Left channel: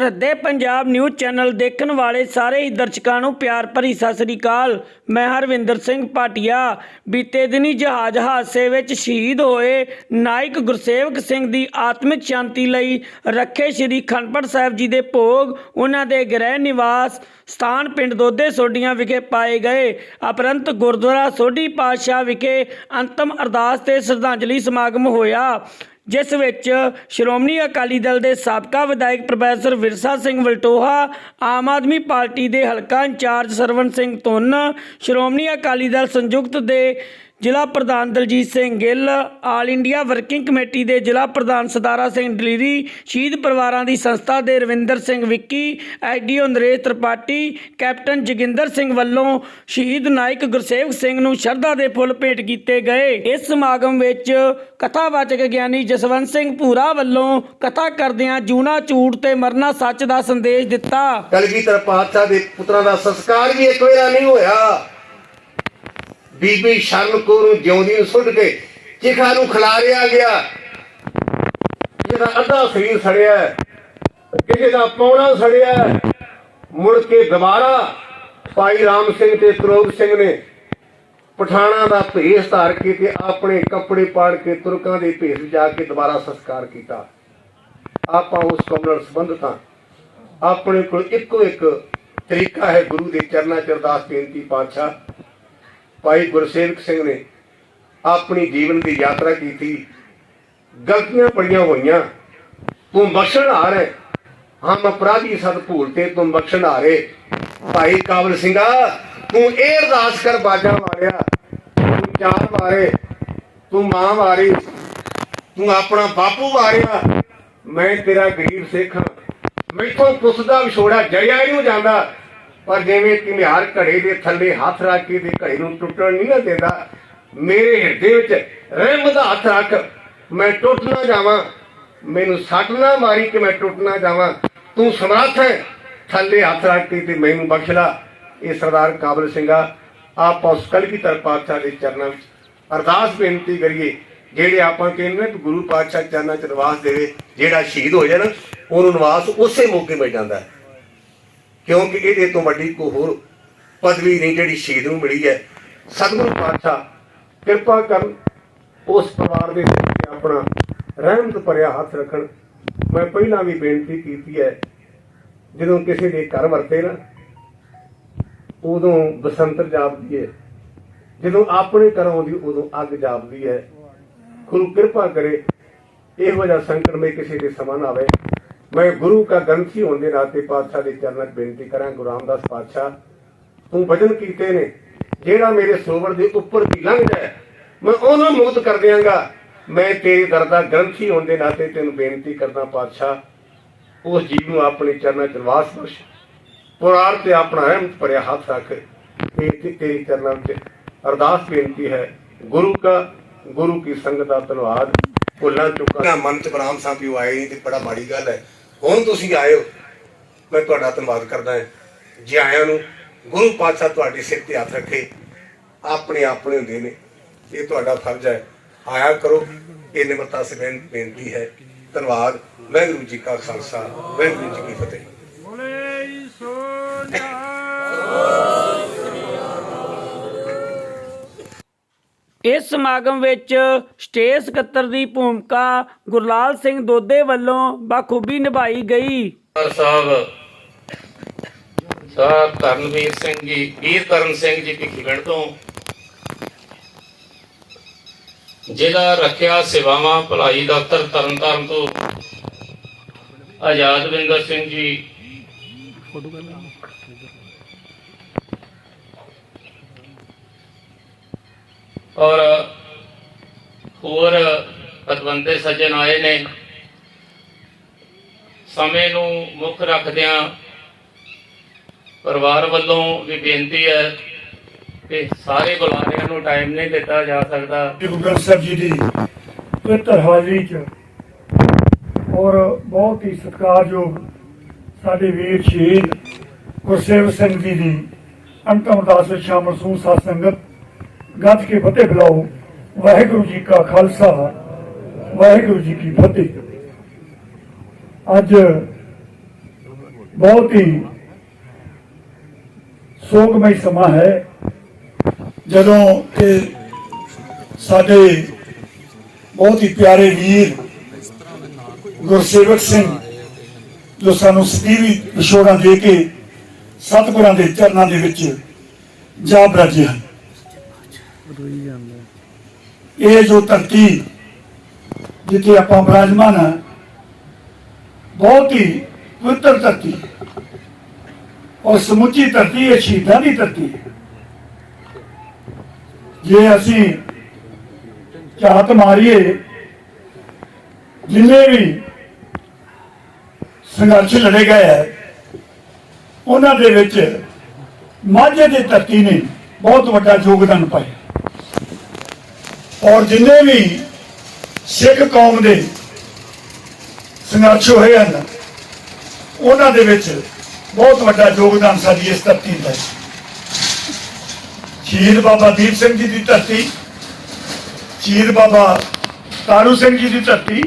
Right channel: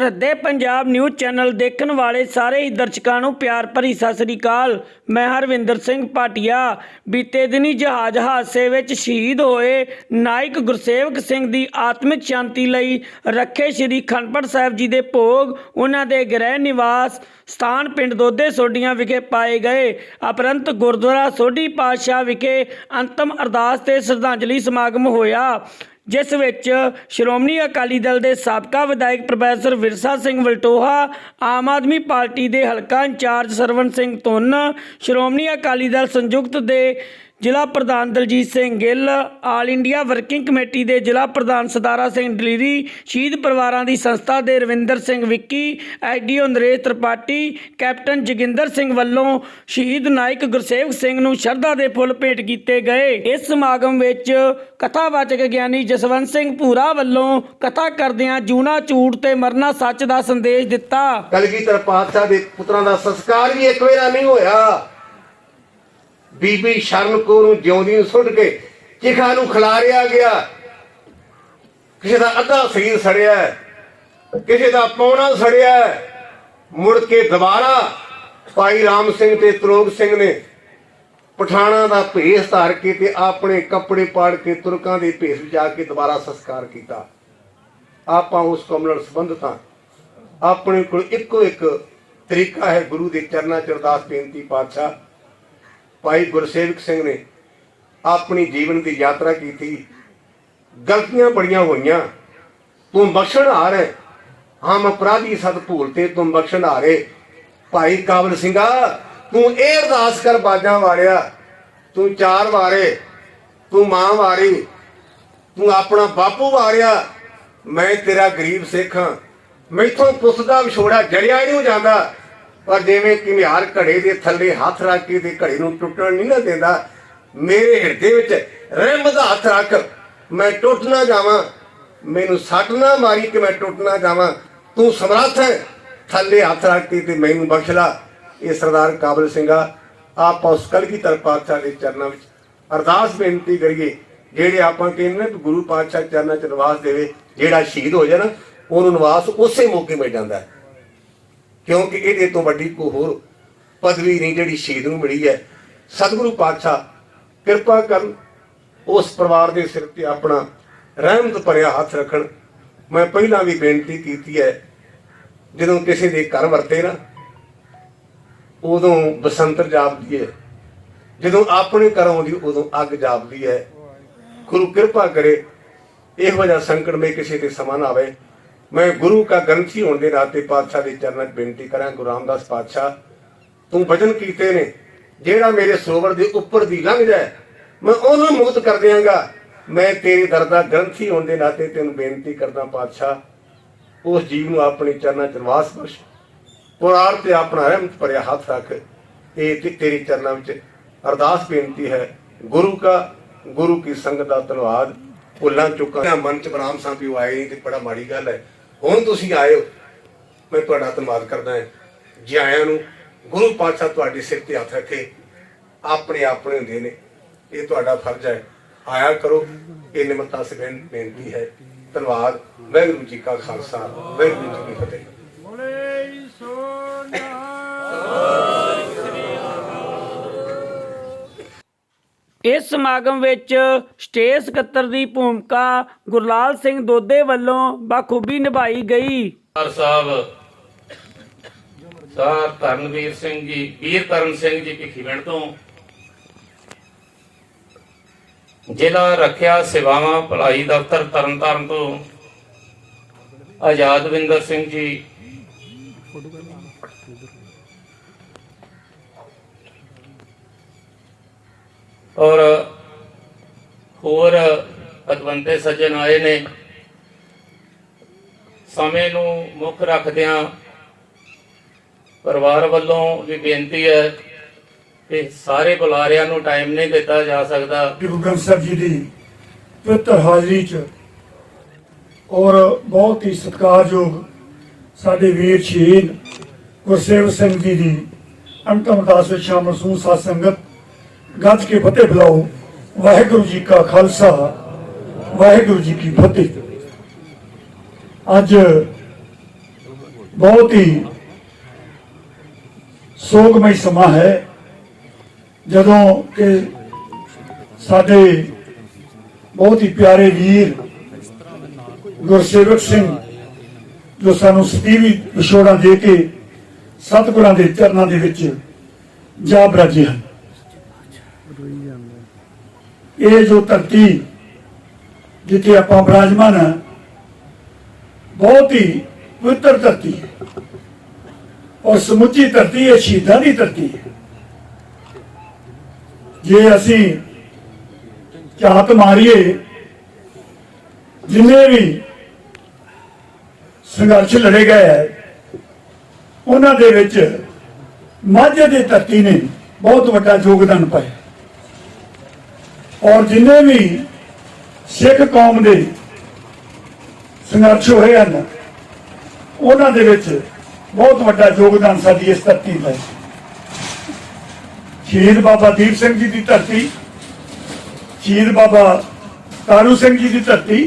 ਸਰਹੱਦੇ Punjab news channel ਦੇਖਣ ਵਾਲੇ ਸਾਰੇ ਹੀ ਦਰਸ਼ਕਾਂ ਨੂੰ ਪਿਆਰ ਭਰੀ ਸਤਿ ਸ੍ਰੀ ਅਕਾਲ। ਮੈਂ ਹਰਵਿੰਦਰ ਸਿੰਘ ਭਾਟੀਆ। ਬੀਤੇ ਦਿਨੀ ਜਹਾਜ਼ ਹਾਦਸੇ ਵਿੱਚ ਸ਼ਹੀਦ ਹੋਏ ਨਾਇਕ ਗੁਰਸੇਵਕ ਸਿੰਘ ਦੀ ਆਤਮਿਕ ਸ਼ਾਂਤੀ ਲਈ ਰੱਖੇ ਸ੍ਰੀ ਅਖੰਡ ਸਾਹਿਬ ਜੀ ਦੇ ਭੋਗ ਉਹਨਾਂ ਦੇ ਗ੍ਰਹਿ ਨਿਵਾਸ ਸਥਾਨ ਪਿੰਡ ਦੋਦੇ ਸੋਢੀਆਂ ਵਿਖੇ ਪਾਏ ਗਏ। ਉਪਰੰਤ ਗੁਰਦੁਆਰਾ ਸੋਢੀ ਪਾਤਸ਼ਾਹ ਵਿਖੇ ਅੰਤਮ ਅਰਦਾਸ ਤੇ ਸ਼ਰਧਾਂਜਲੀ ਸਮਾਗਮ ਹੋਇਆ, ਜਿਸ ਵਿੱਚ ਸ਼੍ਰੋਮਣੀ ਅਕਾਲੀ ਦਲ ਦੇ ਸਾਬਕਾ ਵਿਧਾਇਕ ਪ੍ਰੋਫੈਸਰ ਵਿਰਸਾ ਸਿੰਘ ਵਲਟੋਹਾ, ਆਮ ਆਦਮੀ ਪਾਰਟੀ ਦੇ ਹਲਕਾ ਇੰਚਾਰਜ ਸਰਵਣ ਸਿੰਘ ਧੁੰਨ, ਸ਼੍ਰੋਮਣੀ ਅਕਾਲੀ ਦਲ ਸੰਯੁਕਤ ਦੇ ਜ਼ਿਲ੍ਹਾ ਪ੍ਰਧਾਨ Daljit Singh Gill, all India working committee ਦੇ ਜ਼ਿਲ੍ਹਾ ਪ੍ਰਧਾਨ ਸਤਾਰਾ ਸਿੰਘ ਡਲੀਰੀ, ਸ਼ਹੀਦ ਪਰਿਵਾਰਾਂ ਦੀ ਸੰਸਥਾ ਦੇ ਰਵਿੰਦਰ ਸਿੰਘ ਵਿੱਕੀ, ਐਸਡੀਓ ਨਰੇਸ਼ ਤ੍ਰਿਪਾਠੀ, ਕੈਪਟਨ ਜੋਗਿੰਦਰ ਸਿੰਘ ਵੱਲੋਂ ਸ਼ਹੀਦ ਨਾਇਕ ਗੁਰਸੇਵਕ ਸਿੰਘ ਨੂੰ ਸ਼ਰਧਾ ਦੇ ਫੁੱਲ ਭੇਟ ਕੀਤੇ ਗਏ। ਇਸ ਸਮਾਗਮ ਵਿੱਚ ਕਥਾਵਾਚਕ ਗਿਆਨੀ ਜਸਵੰਤ ਸਿੰਘ ਭੂਰਾ ਵੱਲੋਂ ਕਥਾ ਕਰਦਿਆਂ ਜੂਣਾ ਝੂਠ ਤੇ ਮਰਨਾ ਸੱਚ ਦਾ ਸੰਦੇਸ਼ ਦਿੱਤਾ। ਕਲਗੀਧਰ ਪਾਤਸ਼ਾਹ ਦੇ ਪੁੱਤਰਾਂ ਦਾ ਸੰਸਕਾਰ ਵੀ ਇੱਕ ਵੇਰਾ ਨਹੀਂ ਹੋਇਆ। ਬੀਬੀ ਸ਼ਰਨ ਕੌਰ ਨੂੰ ਜਿਉਂਦੀ ਨੂੰ ਸੁੱਟ ਕੇ ਚਿਖਾ ਨੂੰ ਖਿਲਾਰਿਆ ਗਿਆ। ਕਿਸੇ ਦਾ ਅੱਧਾ ਸਰੀਰ ਸੜਿਆ, ਕਿਸੇ ਦਾ ਪੌਣਾ ਸੜਿਆ। ਮੁੜ ਕੇ ਦੁਬਾਰਾ ਭਾਈ ਰਾਮ ਸਿੰਘ ਤੇ ਤਰੋਗ ਸਿੰਘ ਨੇ ਪਠਾਣਾ ਦਾ ਭੇਸ ਧਾਰ ਕੇ ਤੇ ਆਪਣੇ ਕੱਪੜੇ ਪਾੜ ਕੇ ਤੁਰਕਾਂ ਦੇ ਭੇਸ ਵਿੱਚ ਜਾ ਕੇ ਦੁਬਾਰਾ ਸੰਸਕਾਰ ਕੀਤਾ। ਆਪਾਂ ਉਸ ਕੌਮ ਨਾਲ ਸੰਬੰਧਿਤ ਹਾਂ। ਆਪਣੇ ਕੋਲ ਇੱਕੋ ਇੱਕ ਤਰੀਕਾ ਹੈ, ਗੁਰੂ ਦੇ ਚਰਨਾਂ 'ਚ ਅਰਦਾਸ ਬੇਨਤੀ। ਪਾਤਸ਼ਾਹ ਭਾਈ ਗੁਰਸੇਵਕ ਸਿੰਘ ਨੇ ਆਪਣੀ ਜੀਵਨ ਦੀ ਯਾਤਰਾ ਕੀਤੀ, ਗਲਤੀਆਂ ਬੜੀਆਂ ਹੋਈਆਂ, ਤੂੰ ਬਖਸ਼ਣਹਾਰ ਹੈ। ਹਮ ਅਪਰਾਧੀ ਸਦ ਭੂਲਤੇ ਤੂੰ ਬਖਸ਼ਣਹਾਰ ਹੈ। ਭਾਈ ਕਾਬਲ ਸਿੰਘਾ, ਤੂੰ ਇਹ ਅਰਦਾਸ ਕਰ ਬਾਜਾਂ ਵਾਰਿਆ, ਤੂੰ ਚਾਰ ਵਾਰੇ, ਤੂੰ ਮਾਂ ਵਾਰੀ, ਤੂੰ ਆਪਣਾ ਬਾਪੂ ਵਾਰਿਆ। ਮੈਂ ਤੇਰਾ ਗਰੀਬ ਸਿੱਖ ਹਾਂ, ਮੈਥੋਂ ਪੁੱਛਦਾ ਵਿਛੋੜਾ ਜਰਿਆ ਨਹੀਂ ਜਾਂਦਾ, ਪਰ ਜਿਵੇਂ ਘੁਮਿਆਰ ਘੜੇ ਦੇ ਥੱਲੇ ਹੱਥ ਰੱਖ ਕੇ ਤੇ ਘੜੇ ਨੂੰ ਟੁੱਟਣ ਨਹੀਂ ਨਾ ਦਿੰਦਾ, ਮੇਰੇ ਹਿਰਦੇ ਵਿੱਚ ਰਹਿਮਤ ਦਾ ਹੱਥ ਰੱਖ, ਮੈਂ ਟੁੱਟ ਨਾ ਜਾਵਾਂ, ਮੈਨੂੰ ਸੱਟ ਨਾ ਮਾਰੀ ਕਿ ਮੈਂ ਟੁੱਟ ਨਾ ਜਾਵਾਂ। ਤੂੰ ਸਮਰੱਥ ਹੈ, ਥੱਲੇ ਹੱਥ ਰੱਖ ਕੇ ਤੇ ਮੈਨੂੰ ਬਖਸ਼ ਲਾ। ਇਹ ਸਰਦਾਰ ਕਾਬਲ ਸਿੰਘਾ, ਆਪਾਂ ਉਸ ਕਲਗੀਧਰ ਪਾਤਸ਼ਾਹ ਦੇ ਚਰਨਾਂ ਵਿੱਚ ਅਰਦਾਸ ਬੇਨਤੀ ਕਰੀਏ। ਜਿਹੜੇ ਆਪਾਂ ਕਹਿੰਦੇ ਨੇ ਗੁਰੂ ਪਾਤਸ਼ਾਹ ਚਰਨਾਂ 'ਚ ਨਿਵਾਸ ਦੇਵੇ, ਜਿਹੜਾ ਸ਼ਹੀਦ ਹੋ ਜਾਏ ਨਾ ਉਹਨੂੰ ਨਿਵਾਸ ਉਸੇ ਮੌਕੇ ਮਿਲ ਜਾਂਦਾ, ਕਿਉਂਕਿ ਇਹਦੇ ਤੋਂ ਵੱਡੀ ਕੋਈ ਹੋਰ ਪਦਵੀ ਨਹੀਂ ਜਿਹੜੀ ਸ਼ਹੀਦ ਨੂੰ ਮਿਲੀ ਹੈ। ਸਤਿਗੁਰੂ ਪਾਤਸ਼ਾਹ ਕਿਰਪਾ ਕਰਨ, ਉਸ ਪਰਿਵਾਰ ਦੇ ਸਿਰ ਤੇ ਆਪਣਾ ਰਹਿਮਤ ਭਰਿਆ ਹੱਥ ਰੱਖਣ। ਮੈਂ ਪਹਿਲਾਂ ਵੀ ਬੇਨਤੀ ਕੀਤੀ ਹੈ, ਜਦੋਂ ਕਿਸੇ ਦੇ ਘਰ ਵਰਤੇ ਨਾ ਉਦੋਂ ਬਸੰਤਰ ਜਾਪਦੀ ਹੈ, ਜਦੋਂ ਆਪਣੇ ਘਰ ਆਉਂਦੀ ਉਦੋਂ ਅੱਗ ਜਾਪਦੀ ਹੈ। ਗੁਰੂ ਕਿਰਪਾ ਕਰੇ ਇਹੋ ਜਿਹਾ ਸੰਕਟ ਮੇ ਕਿਸੇ ਦੇ ਸਮਾਂ ਨਾ ਆਵੇ। ਮੈਂ ਗੁਰੂ ਕਾ ਗ੍ਰੰਥੀ ਹੋਣ ਦੇ ਨਾਤੇ ਪਾਤਸ਼ਾਹ ਦੇ ਚਰਨਾਂ 'ਚ ਬੇਨਤੀ ਕਰਾਂ, ਗੁਰੂ ਰਾਮਦਾਸ ਪਾਤਸ਼ਾਹ ਤੂੰ ਵਚਨ ਕੀਤੇ ਨੇ, ਜਿਹੜਾ ਮੇਰੇ ਸਰੋਵਰ ਦੇ ਉੱਪਰ ਦੀ ਲੰਘ ਜਾਏ ਮੈਂ ਉਹਨੂੰ ਮੁਕਤ ਕਰ ਦਿਆਂਗਾ। ਮੈਂ ਤੇਰੇ ਦਰ ਦਾ ਗ੍ਰੰਥੀ ਹੋਣ ਦੇ ਨਾਤੇ ਤੈਨੂੰ ਬੇਨਤੀ ਕਰਦਾ, ਪਾਤਸ਼ਾਹ ਉਸ ਜੀਵ ਨੂੰ ਆਪਣੇ ਚਰਨਾਂ 'ਚ ਨਿਵਾਸ ਬਖਸ਼, ਪੁਰਾਰ ਤੇ ਆਪਣਾ ਰਹਿਮਤ ਭਰਿਆ ਹੱਥ ਰੱਖ। ਇਹ ਤੇਰੀ ਚਰਨਾਂ ਵਿੱਚ ਅਰਦਾਸ ਬੇਨਤੀ ਹੈ। ਗੁਰੂ ਕੀ ਸੰਗਤ ਦਾ ਧੰਨਵਾਦ। ਭੁੱਲਾਂ ਚੁੱਕਾਂ ਮਨ 'ਚ ਬਰਾਮ ਸਾਂਭੀ ਆਏ ਨਹੀਂ ਤੇ ਬੜਾ ਮਾੜੀ ਗੱਲ ਹੈ। ਹੁਣ ਤੁਸੀਂ ਆਏ ਹੋ, ਮੈਂ ਤੁਹਾਡਾ ਧੰਨਵਾਦ ਕਰਦਾ ਹਾਂ। ਜੀ ਆਇਆਂ ਨੂੰ ਗੁਰੂ ਪਾਤਸ਼ਾਹ ਤੁਹਾਡੇ ਸਿਰ ਤੇ ਹੱਥ ਰੱਖੇ, ਆਪਣੇ ਹੁੰਦੇ ਨੇ, ਇਹ ਤੁਹਾਡਾ ਫਰਜ਼ ਹੈ। ਆਇਆ ਕਰੋ, ਇਹ ਨਿਮਰਤਾ ਸੇ ਬੇਨਤੀ ਹੈ। ਧੰਨਵਾਦ। ਵਾਹਿਗੁਰੂ ਜੀ ਕਾ ਖਾਲਸਾ, ਵਾਹਿਗੁਰੂ ਜੀ ਕੀ ਫਤਿਹ। ਇਸ ਸਮਾਗਮ ਵਿੱਚ ਸਟੇਜ ਸਕੱਤਰ ਦੀ ਭੂਮਿਕਾ ਗੁਰਲਾਲ ਸਿੰਘ ਦੋਦੇ ਵੱਲੋਂ ਬਾਖੂਬੀ ਨਿਭਾਈ ਗਈ। ਸਾਹਿਬ ਧਰਮਵੀਰ ਸਿੰਘ ਜੀ, ਵੀਰ ਧਰਮ ਸਿੰਘ ਜੀ ਭਿੱਖੀਵਿੰਡ ਤੋਂ, ਜ਼ਿਲ੍ਹਾ ਰੱਖਿਆ ਸੇਵਾਵਾਂ ਭਲਾਈ ਦਫ਼ਤਰ ਤਰਨਤਾਰਨ ਤੋਂ ਆਜ਼ਾਦਵਿੰਦਰ ਸਿੰਘ ਜੀ, ਔਰ ਹੋਰ ਪਤਵੰਤੇ ਸੱਜਣ ਆਏ ਨੇ। ਸਮੇਂ ਨੂੰ ਮੁੱਖ ਰੱਖਦਿਆਂ ਪਰਿਵਾਰ ਵੱਲੋਂ ਵੀ ਬੇਨਤੀ ਹੈ ਕਿ ਸਾਰੇ ਬੁਲਾਰਿਆਂ ਨੂੰ ਟਾਈਮ ਨਹੀਂ ਦਿੱਤਾ ਜਾ ਸਕਦਾ। ਗੁਰੂ ਗ੍ਰੰਥ ਸਾਹਿਬ ਜੀ ਦੀ ਪਵਿੱਤਰ ਹਾਜ਼ਰੀ 'ਚ ਔਰ ਬਹੁਤ ਹੀ ਸਤਿਕਾਰਯੋਗ ਸਾਡੇ ਵੀਰ ਸ਼ਹੀਦ ਗੁਰਸੇਵਕ ਸਿੰਘ ਜੀ ਦੀ ਅੰਤਮ ਅਰਦਾਸ ਵਿੱਚ ਸ਼ਾਮਲ ਸੂ ਸਾਧ ਸੰਗਤ ਗੱਜ ਕੇ ਫਤਿਹ ਬੁਲਾਓ। ਵਾਹਿਗੁਰੂ ਜੀ ਕਾ ਖਾਲਸਾ, ਵਾਹਿਗੁਰੂ ਜੀ ਕੀ ਫਤਿਹ। ਅੱਜ बहुत ही ਸੋਗਮਈ ਸਮਾਂ ਹੈ ਜਦੋਂ ਕਿ ਸਾਡੇ ਬਹੁਤ ਹੀ ਪਿਆਰੇ ਵੀਰ ਗੁਰਸੇਵਕ ਸਿੰਘ ਜੋ ਸਾਨੂੰ ਸਦੀਵੀ ਵਿਛੋੜਾਂ ਦੇ ਕੇ ਸਤਿਗੁਰਾਂ ਦੇ ਚਰਨਾਂ ਦੇ ਵਿੱਚ ਜਾ ਬਰਾਜੇ ਹਨ। ਇਹ ਜੋ ਧਰਤੀ ਜਿੱਥੇ ਆਪਾਂ ਬਿਰਾਜਮਾਨ ਹਾਂ ਬਹੁਤ ਹੀ ਪਵਿੱਤਰ ਧਰਤੀ ਹੈ और समुची धरती है शहीदां दी धरती है। जे असी झात मारीए जिन्ने भी संघर्ष लड़े गए है उन्हां दे विच माझे दी धरती ने बहुत वड्डा योगदान पाया और जिन्ने भी सिख कौम दे संघर्ष होए हैं उन्हां दे विच बहुत बड़ा योगदान साडी इस धरती का। शहीद बाबा दीप सिंह जी की धरती, शहीद बाबा तारू सिंह जी की धरती,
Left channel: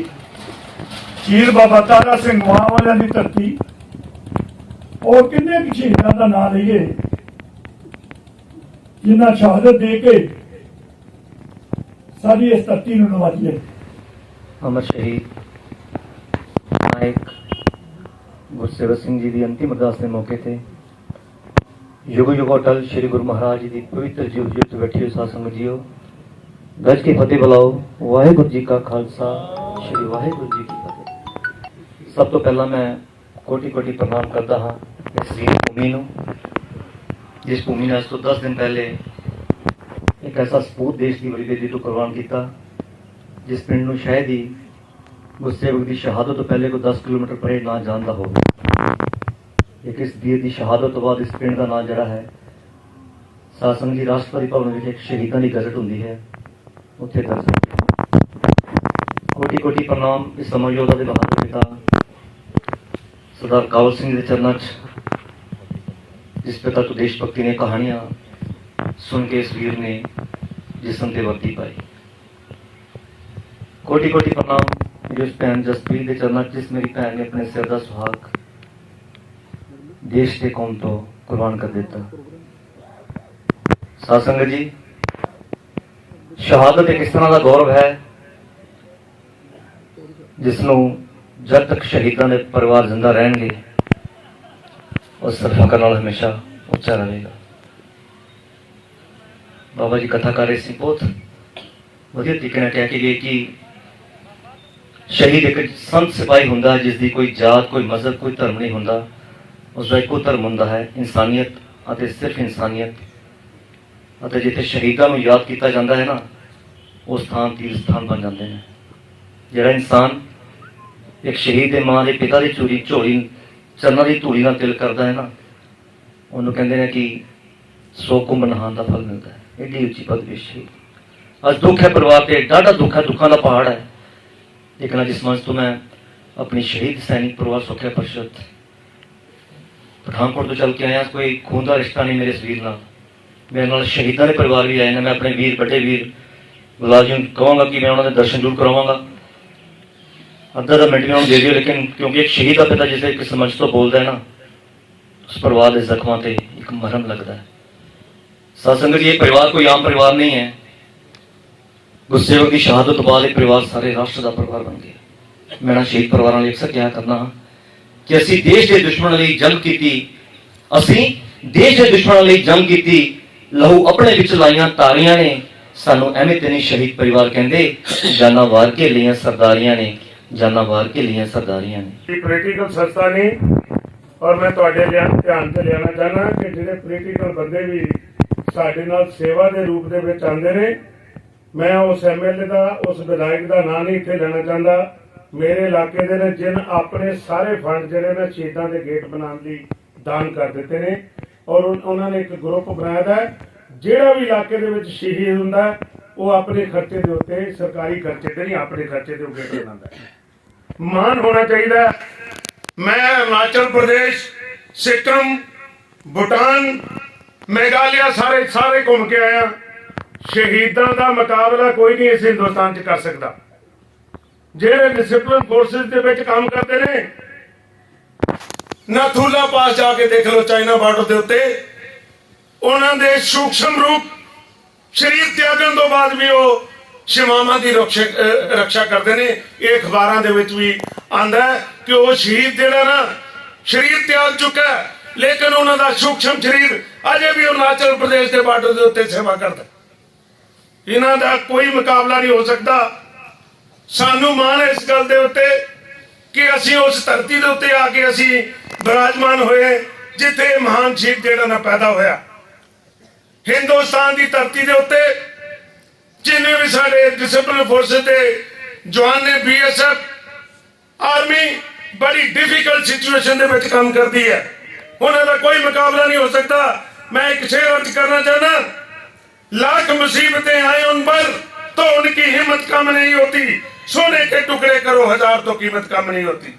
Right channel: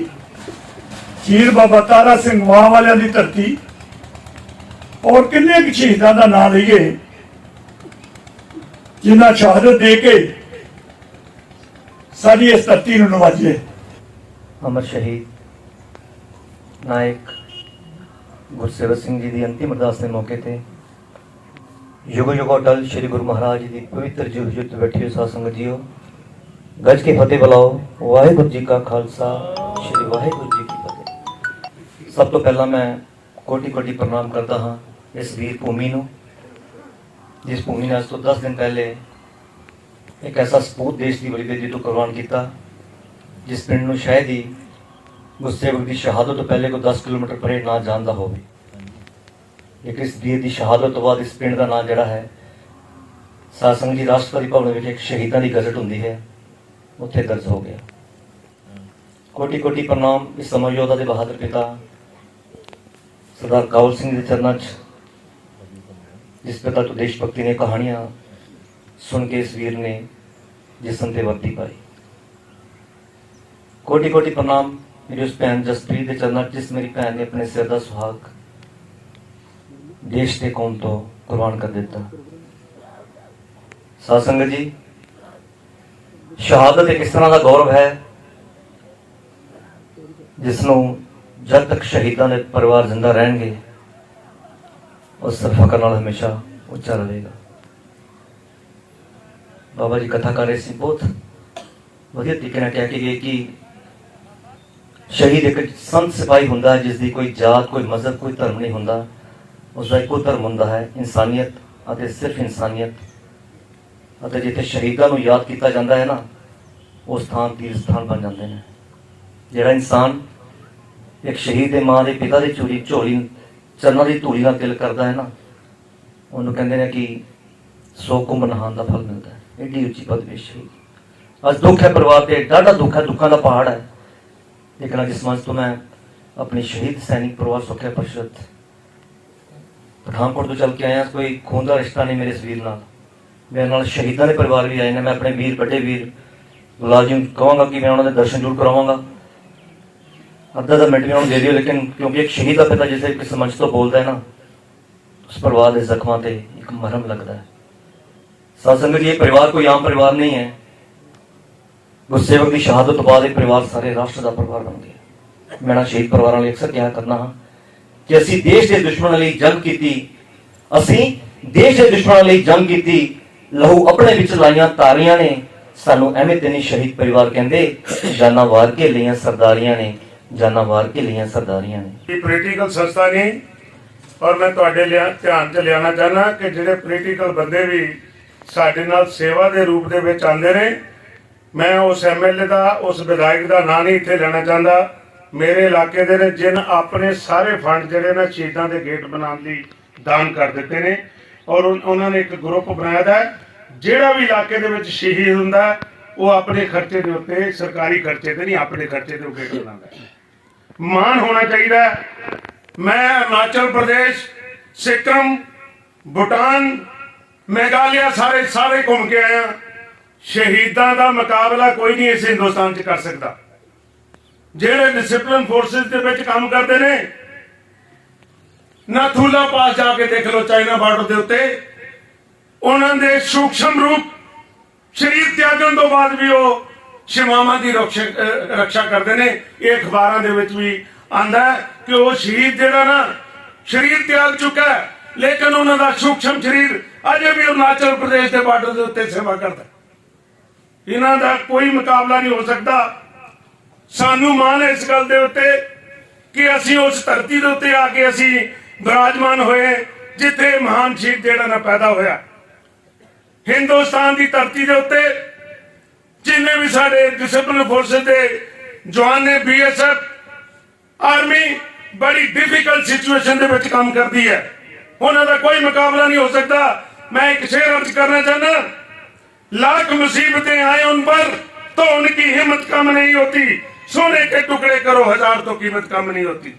शहीद बाबा तारा सिंह मां वालियां की धरती और किन्ने शहीदों का नाम लईए जिन्हां शहादत दे के साडी इस धरती नूं नवाजे। अमर शहीद नायक गुरसेवक सिंह जी की अंतिम अरदास के मौके ते युग युग अटल श्री गुरु महाराज जी की पवित्र जीवत जुत बैठी हुई साध संगत जीओ गज के फतेह बुलाओ। वाहिगुरु जी का खालसा श्री वाहिगुरु जी की फतेह। सब तो पहला मैं कोटि कोटि प्रणाम करता हाँ इस वीर भूमि नूं जिस भूमि ने आज तो 10 दिन पहले एक ऐसा सपूत देश की बड़ी बेदी तो कुर्बान किया जिस पिंड नूं शायद ही गुरसेवक की शहादत तो पहले को 10 किलोमीटर परे ना जानता हो, लेकिन इस वीर की शहादत तो बाद इस पिंड का नाम जड़ा है साध संगत जी राष्ट्रपति भवन में एक शहीदों की गजट होंगी है उत्थे दर्ज हो गया। कोटि कोटि प्रणाम इस समर योद्धा के बहादुर पिता सरदार कावल सिंह के चरणों च जिस पिता तो देशभक्ति ने कहानियां सुन के इस वीर ने जिसम से वर्दी पाई। कोटि कोटि प्रणाम मेरी उस भैन जसप्रीत के चरणों जिस मेरी भैन ने अपने सिर का सुहाग देश के कौम तो कुर्बान कर दिता। साध संगत जी शहादत एक इस तरह का गौरव है जिसनों जब तक शहीदों के परिवार जिंदा रहेंगे उस फकर नाल हमेशा उच्चा रहेगा। बाबा जी कथा कर रहे सी बहुत वधिया तरीके नाल कह के गए कि शहीद एक संत सिपाही हुंदा है जिसकी कोई जात कोई मजहब कोई धर्म नहीं हुंदा, उसका एको धर्म हुंदा है इंसानियत और सिर्फ इंसानियत। और जिथे शहीदों को याद किया जाता है ना वो स्थान तीर्थ स्थान बन जाते हैं। जिहड़ा इंसान एक शहीद के मां के पिता की चोरी झोली चरणों की धूड़ी नाल तिल करता है ना उन्होंने कहते हैं कि 100 कुंभ नहान का फल मिलता है। एडी उच्ची पदवी शहीद। अज दुख है परिवार से डाढ़ा दुख है दुखों का पहाड़ है, लेकिन आज इस मंच तो मैं अपनी शहीद सैनिक परिवार सुरक्षा परिषद पठानकोट तो चल के आया। कोई खून का रिश्ता नहीं मेरे इस वीर नाल, मेरे नाल शहीदों के परिवार भी आए ना। मैं अपने वीर बड़े वीर गुलाजी कहूँगा कि मैं उन्होंने दर्शन जरूर करवाऊंगा। अद्धा मिनट में दे दियो, लेकिन क्योंकि एक शहीद का पिता जिसे किस मंच तो बोलता है ना उस परिवार के जख्मां से एक मरहम लगता है। साध संगत ये परिवार कोई आम परिवार नहीं है। गुरसेवक की शहादत तो बाद परिवार सारे राष्ट्र का परिवार बन गया। मैं ना शहीद परिवार में अक्सर क्या करना हाँ कि असी देश के दुश्मनों लिए जंग की, असी देश के दुश्मनों लिए जंग की, लहू अपने विच लाइया तारियां ने सानू एवें ते नहीं शहीद परिवार कहते जाना वार के लिया सरदारियां ने जाना वार के लिया सरदारियां ने। पॉलिटिकल संस्था नहीं और मैं तुहाडे ध्यान च लियाना चाहना कि जिहड़े पॉलिटिकल बंदे भी साडे नाल सेवा के रूप दे विच आंदे ने मैं उस MLA का उस विधायक का नाम नहीं इत्थे लेना चाहता। मेरे इलाके दे ने जिन अपने सारे फंड जिहड़े ना शहीदां दे गेट बनाने लई दान कर दिते ने और उन्होंने एक ग्रुप बनाया है। जिहड़ा भी इलाके दे विच शहीद हुंदा वो अपने खर्चे के उत्ते सरकारी खर्चे ते नहीं अपने खर्चे ते गेट बनाता है। मान होना चाहिए। मैं अरुणाचल प्रदेश सिक्किम भूटान मेघालय सारे घूम के आया। शहीदों का मुकाबला कोई नहीं इस हिंदुस्तान च कर सकता। जेड़े डिसिप्लिन फोर्सेस के विच काम करते हैं ਨਥੂਲਾ ਪਾਸ ਜਾ ਕੇ ਦੇਖ ਲਓ ਚਾਈਨਾ ਬਾਰਡਰ ਦੇ ਉੱਤੇ ਉਹਨਾਂ ਦੇ ਸੂਖਸ਼ਮ ਰੂਪ ਸ਼ਰੀਰ ਤਿਆਗਣ ਤੋਂ ਬਾਅਦ ਵੀ ਉਹ ਸ਼ਿਵਾਵਾਂ ਦੀ ਰੱਖਿਆ ਕਰਦੇ ਨੇ। ਇਹ ਅਖਬਾਰਾਂ ਦੇ ਵਿੱਚ ਵੀ ਆਂਦਾ ਕਿ ਉਹ ਸ਼ਹੀਦ ਜਿਹੜਾ ਨਾ ਸ਼ਰੀਰ ਤਿਆਗ ਚੁੱਕਾ ਹੈ, ਲੇਕਿਨ ਉਹਨਾਂ ਦਾ ਸੂਖਸ਼ਮ ਸ਼ਰੀਰ ਅਜੇ ਵੀ ਅਰੁਣਾਚਲ ਪ੍ਰਦੇਸ਼ ਦੇ ਬਾਰਡਰ ਦੇ ਉੱਤੇ ਸੇਵਾ ਕਰਦਾ। ਇਹਨਾਂ ਦਾ ਕੋਈ ਮੁਕਾਬਲਾ ਨਹੀਂ ਹੋ ਸਕਦਾ। ਸਾਨੂੰ ਮਾਣ ਹੈ ਇਸ ਗੱਲ ਦੇ ਉੱਤੇ ਕਿ ਅਸੀਂ ਉਸ ਧਰਤੀ ਦੇ ਉੱਤੇ ਆ ਕੇ ਅਸੀਂ ਬਿਰਾਜਮਾਨ ਹੋਏ ਜਿੱਥੇ ਮਹਾਨ ਸ਼ਹੀਦ ਜਿਹੜਾ ਨਾ ਪੈਦਾ ਹੋਇਆ। ਹਿੰਦੁਸਤਾਨ ਦੀ ਧਰਤੀ ਦੇ ਉੱਤੇ ਜਿੰਨੇ ਵੀ ਸਾਡੇ ਡਿਸਪਲਿਨ ਫੋਰਸਿਸ ਦੇ ਜਵਾਨ ਨੇ, BSF ਆਰਮੀ ਬੜੀ ਡਿਫਿਕਲਟ ਸਿਚੁਏਸ਼ਨ ਦੇ ਵਿੱਚ ਕੰਮ ਕਰਦੀ ਹੈ, ਉਹਨਾਂ ਦਾ ਕੋਈ ਮੁਕਾਬਲਾ नहीं हो सकता। मैं एक शेर अर्ज करना चाहना, लाख मुसीबतें आए उन पर तो उनकी हिम्मत कम नहीं होती, सोने के टुकड़े करो हजार तो कीमत कम नहीं होती।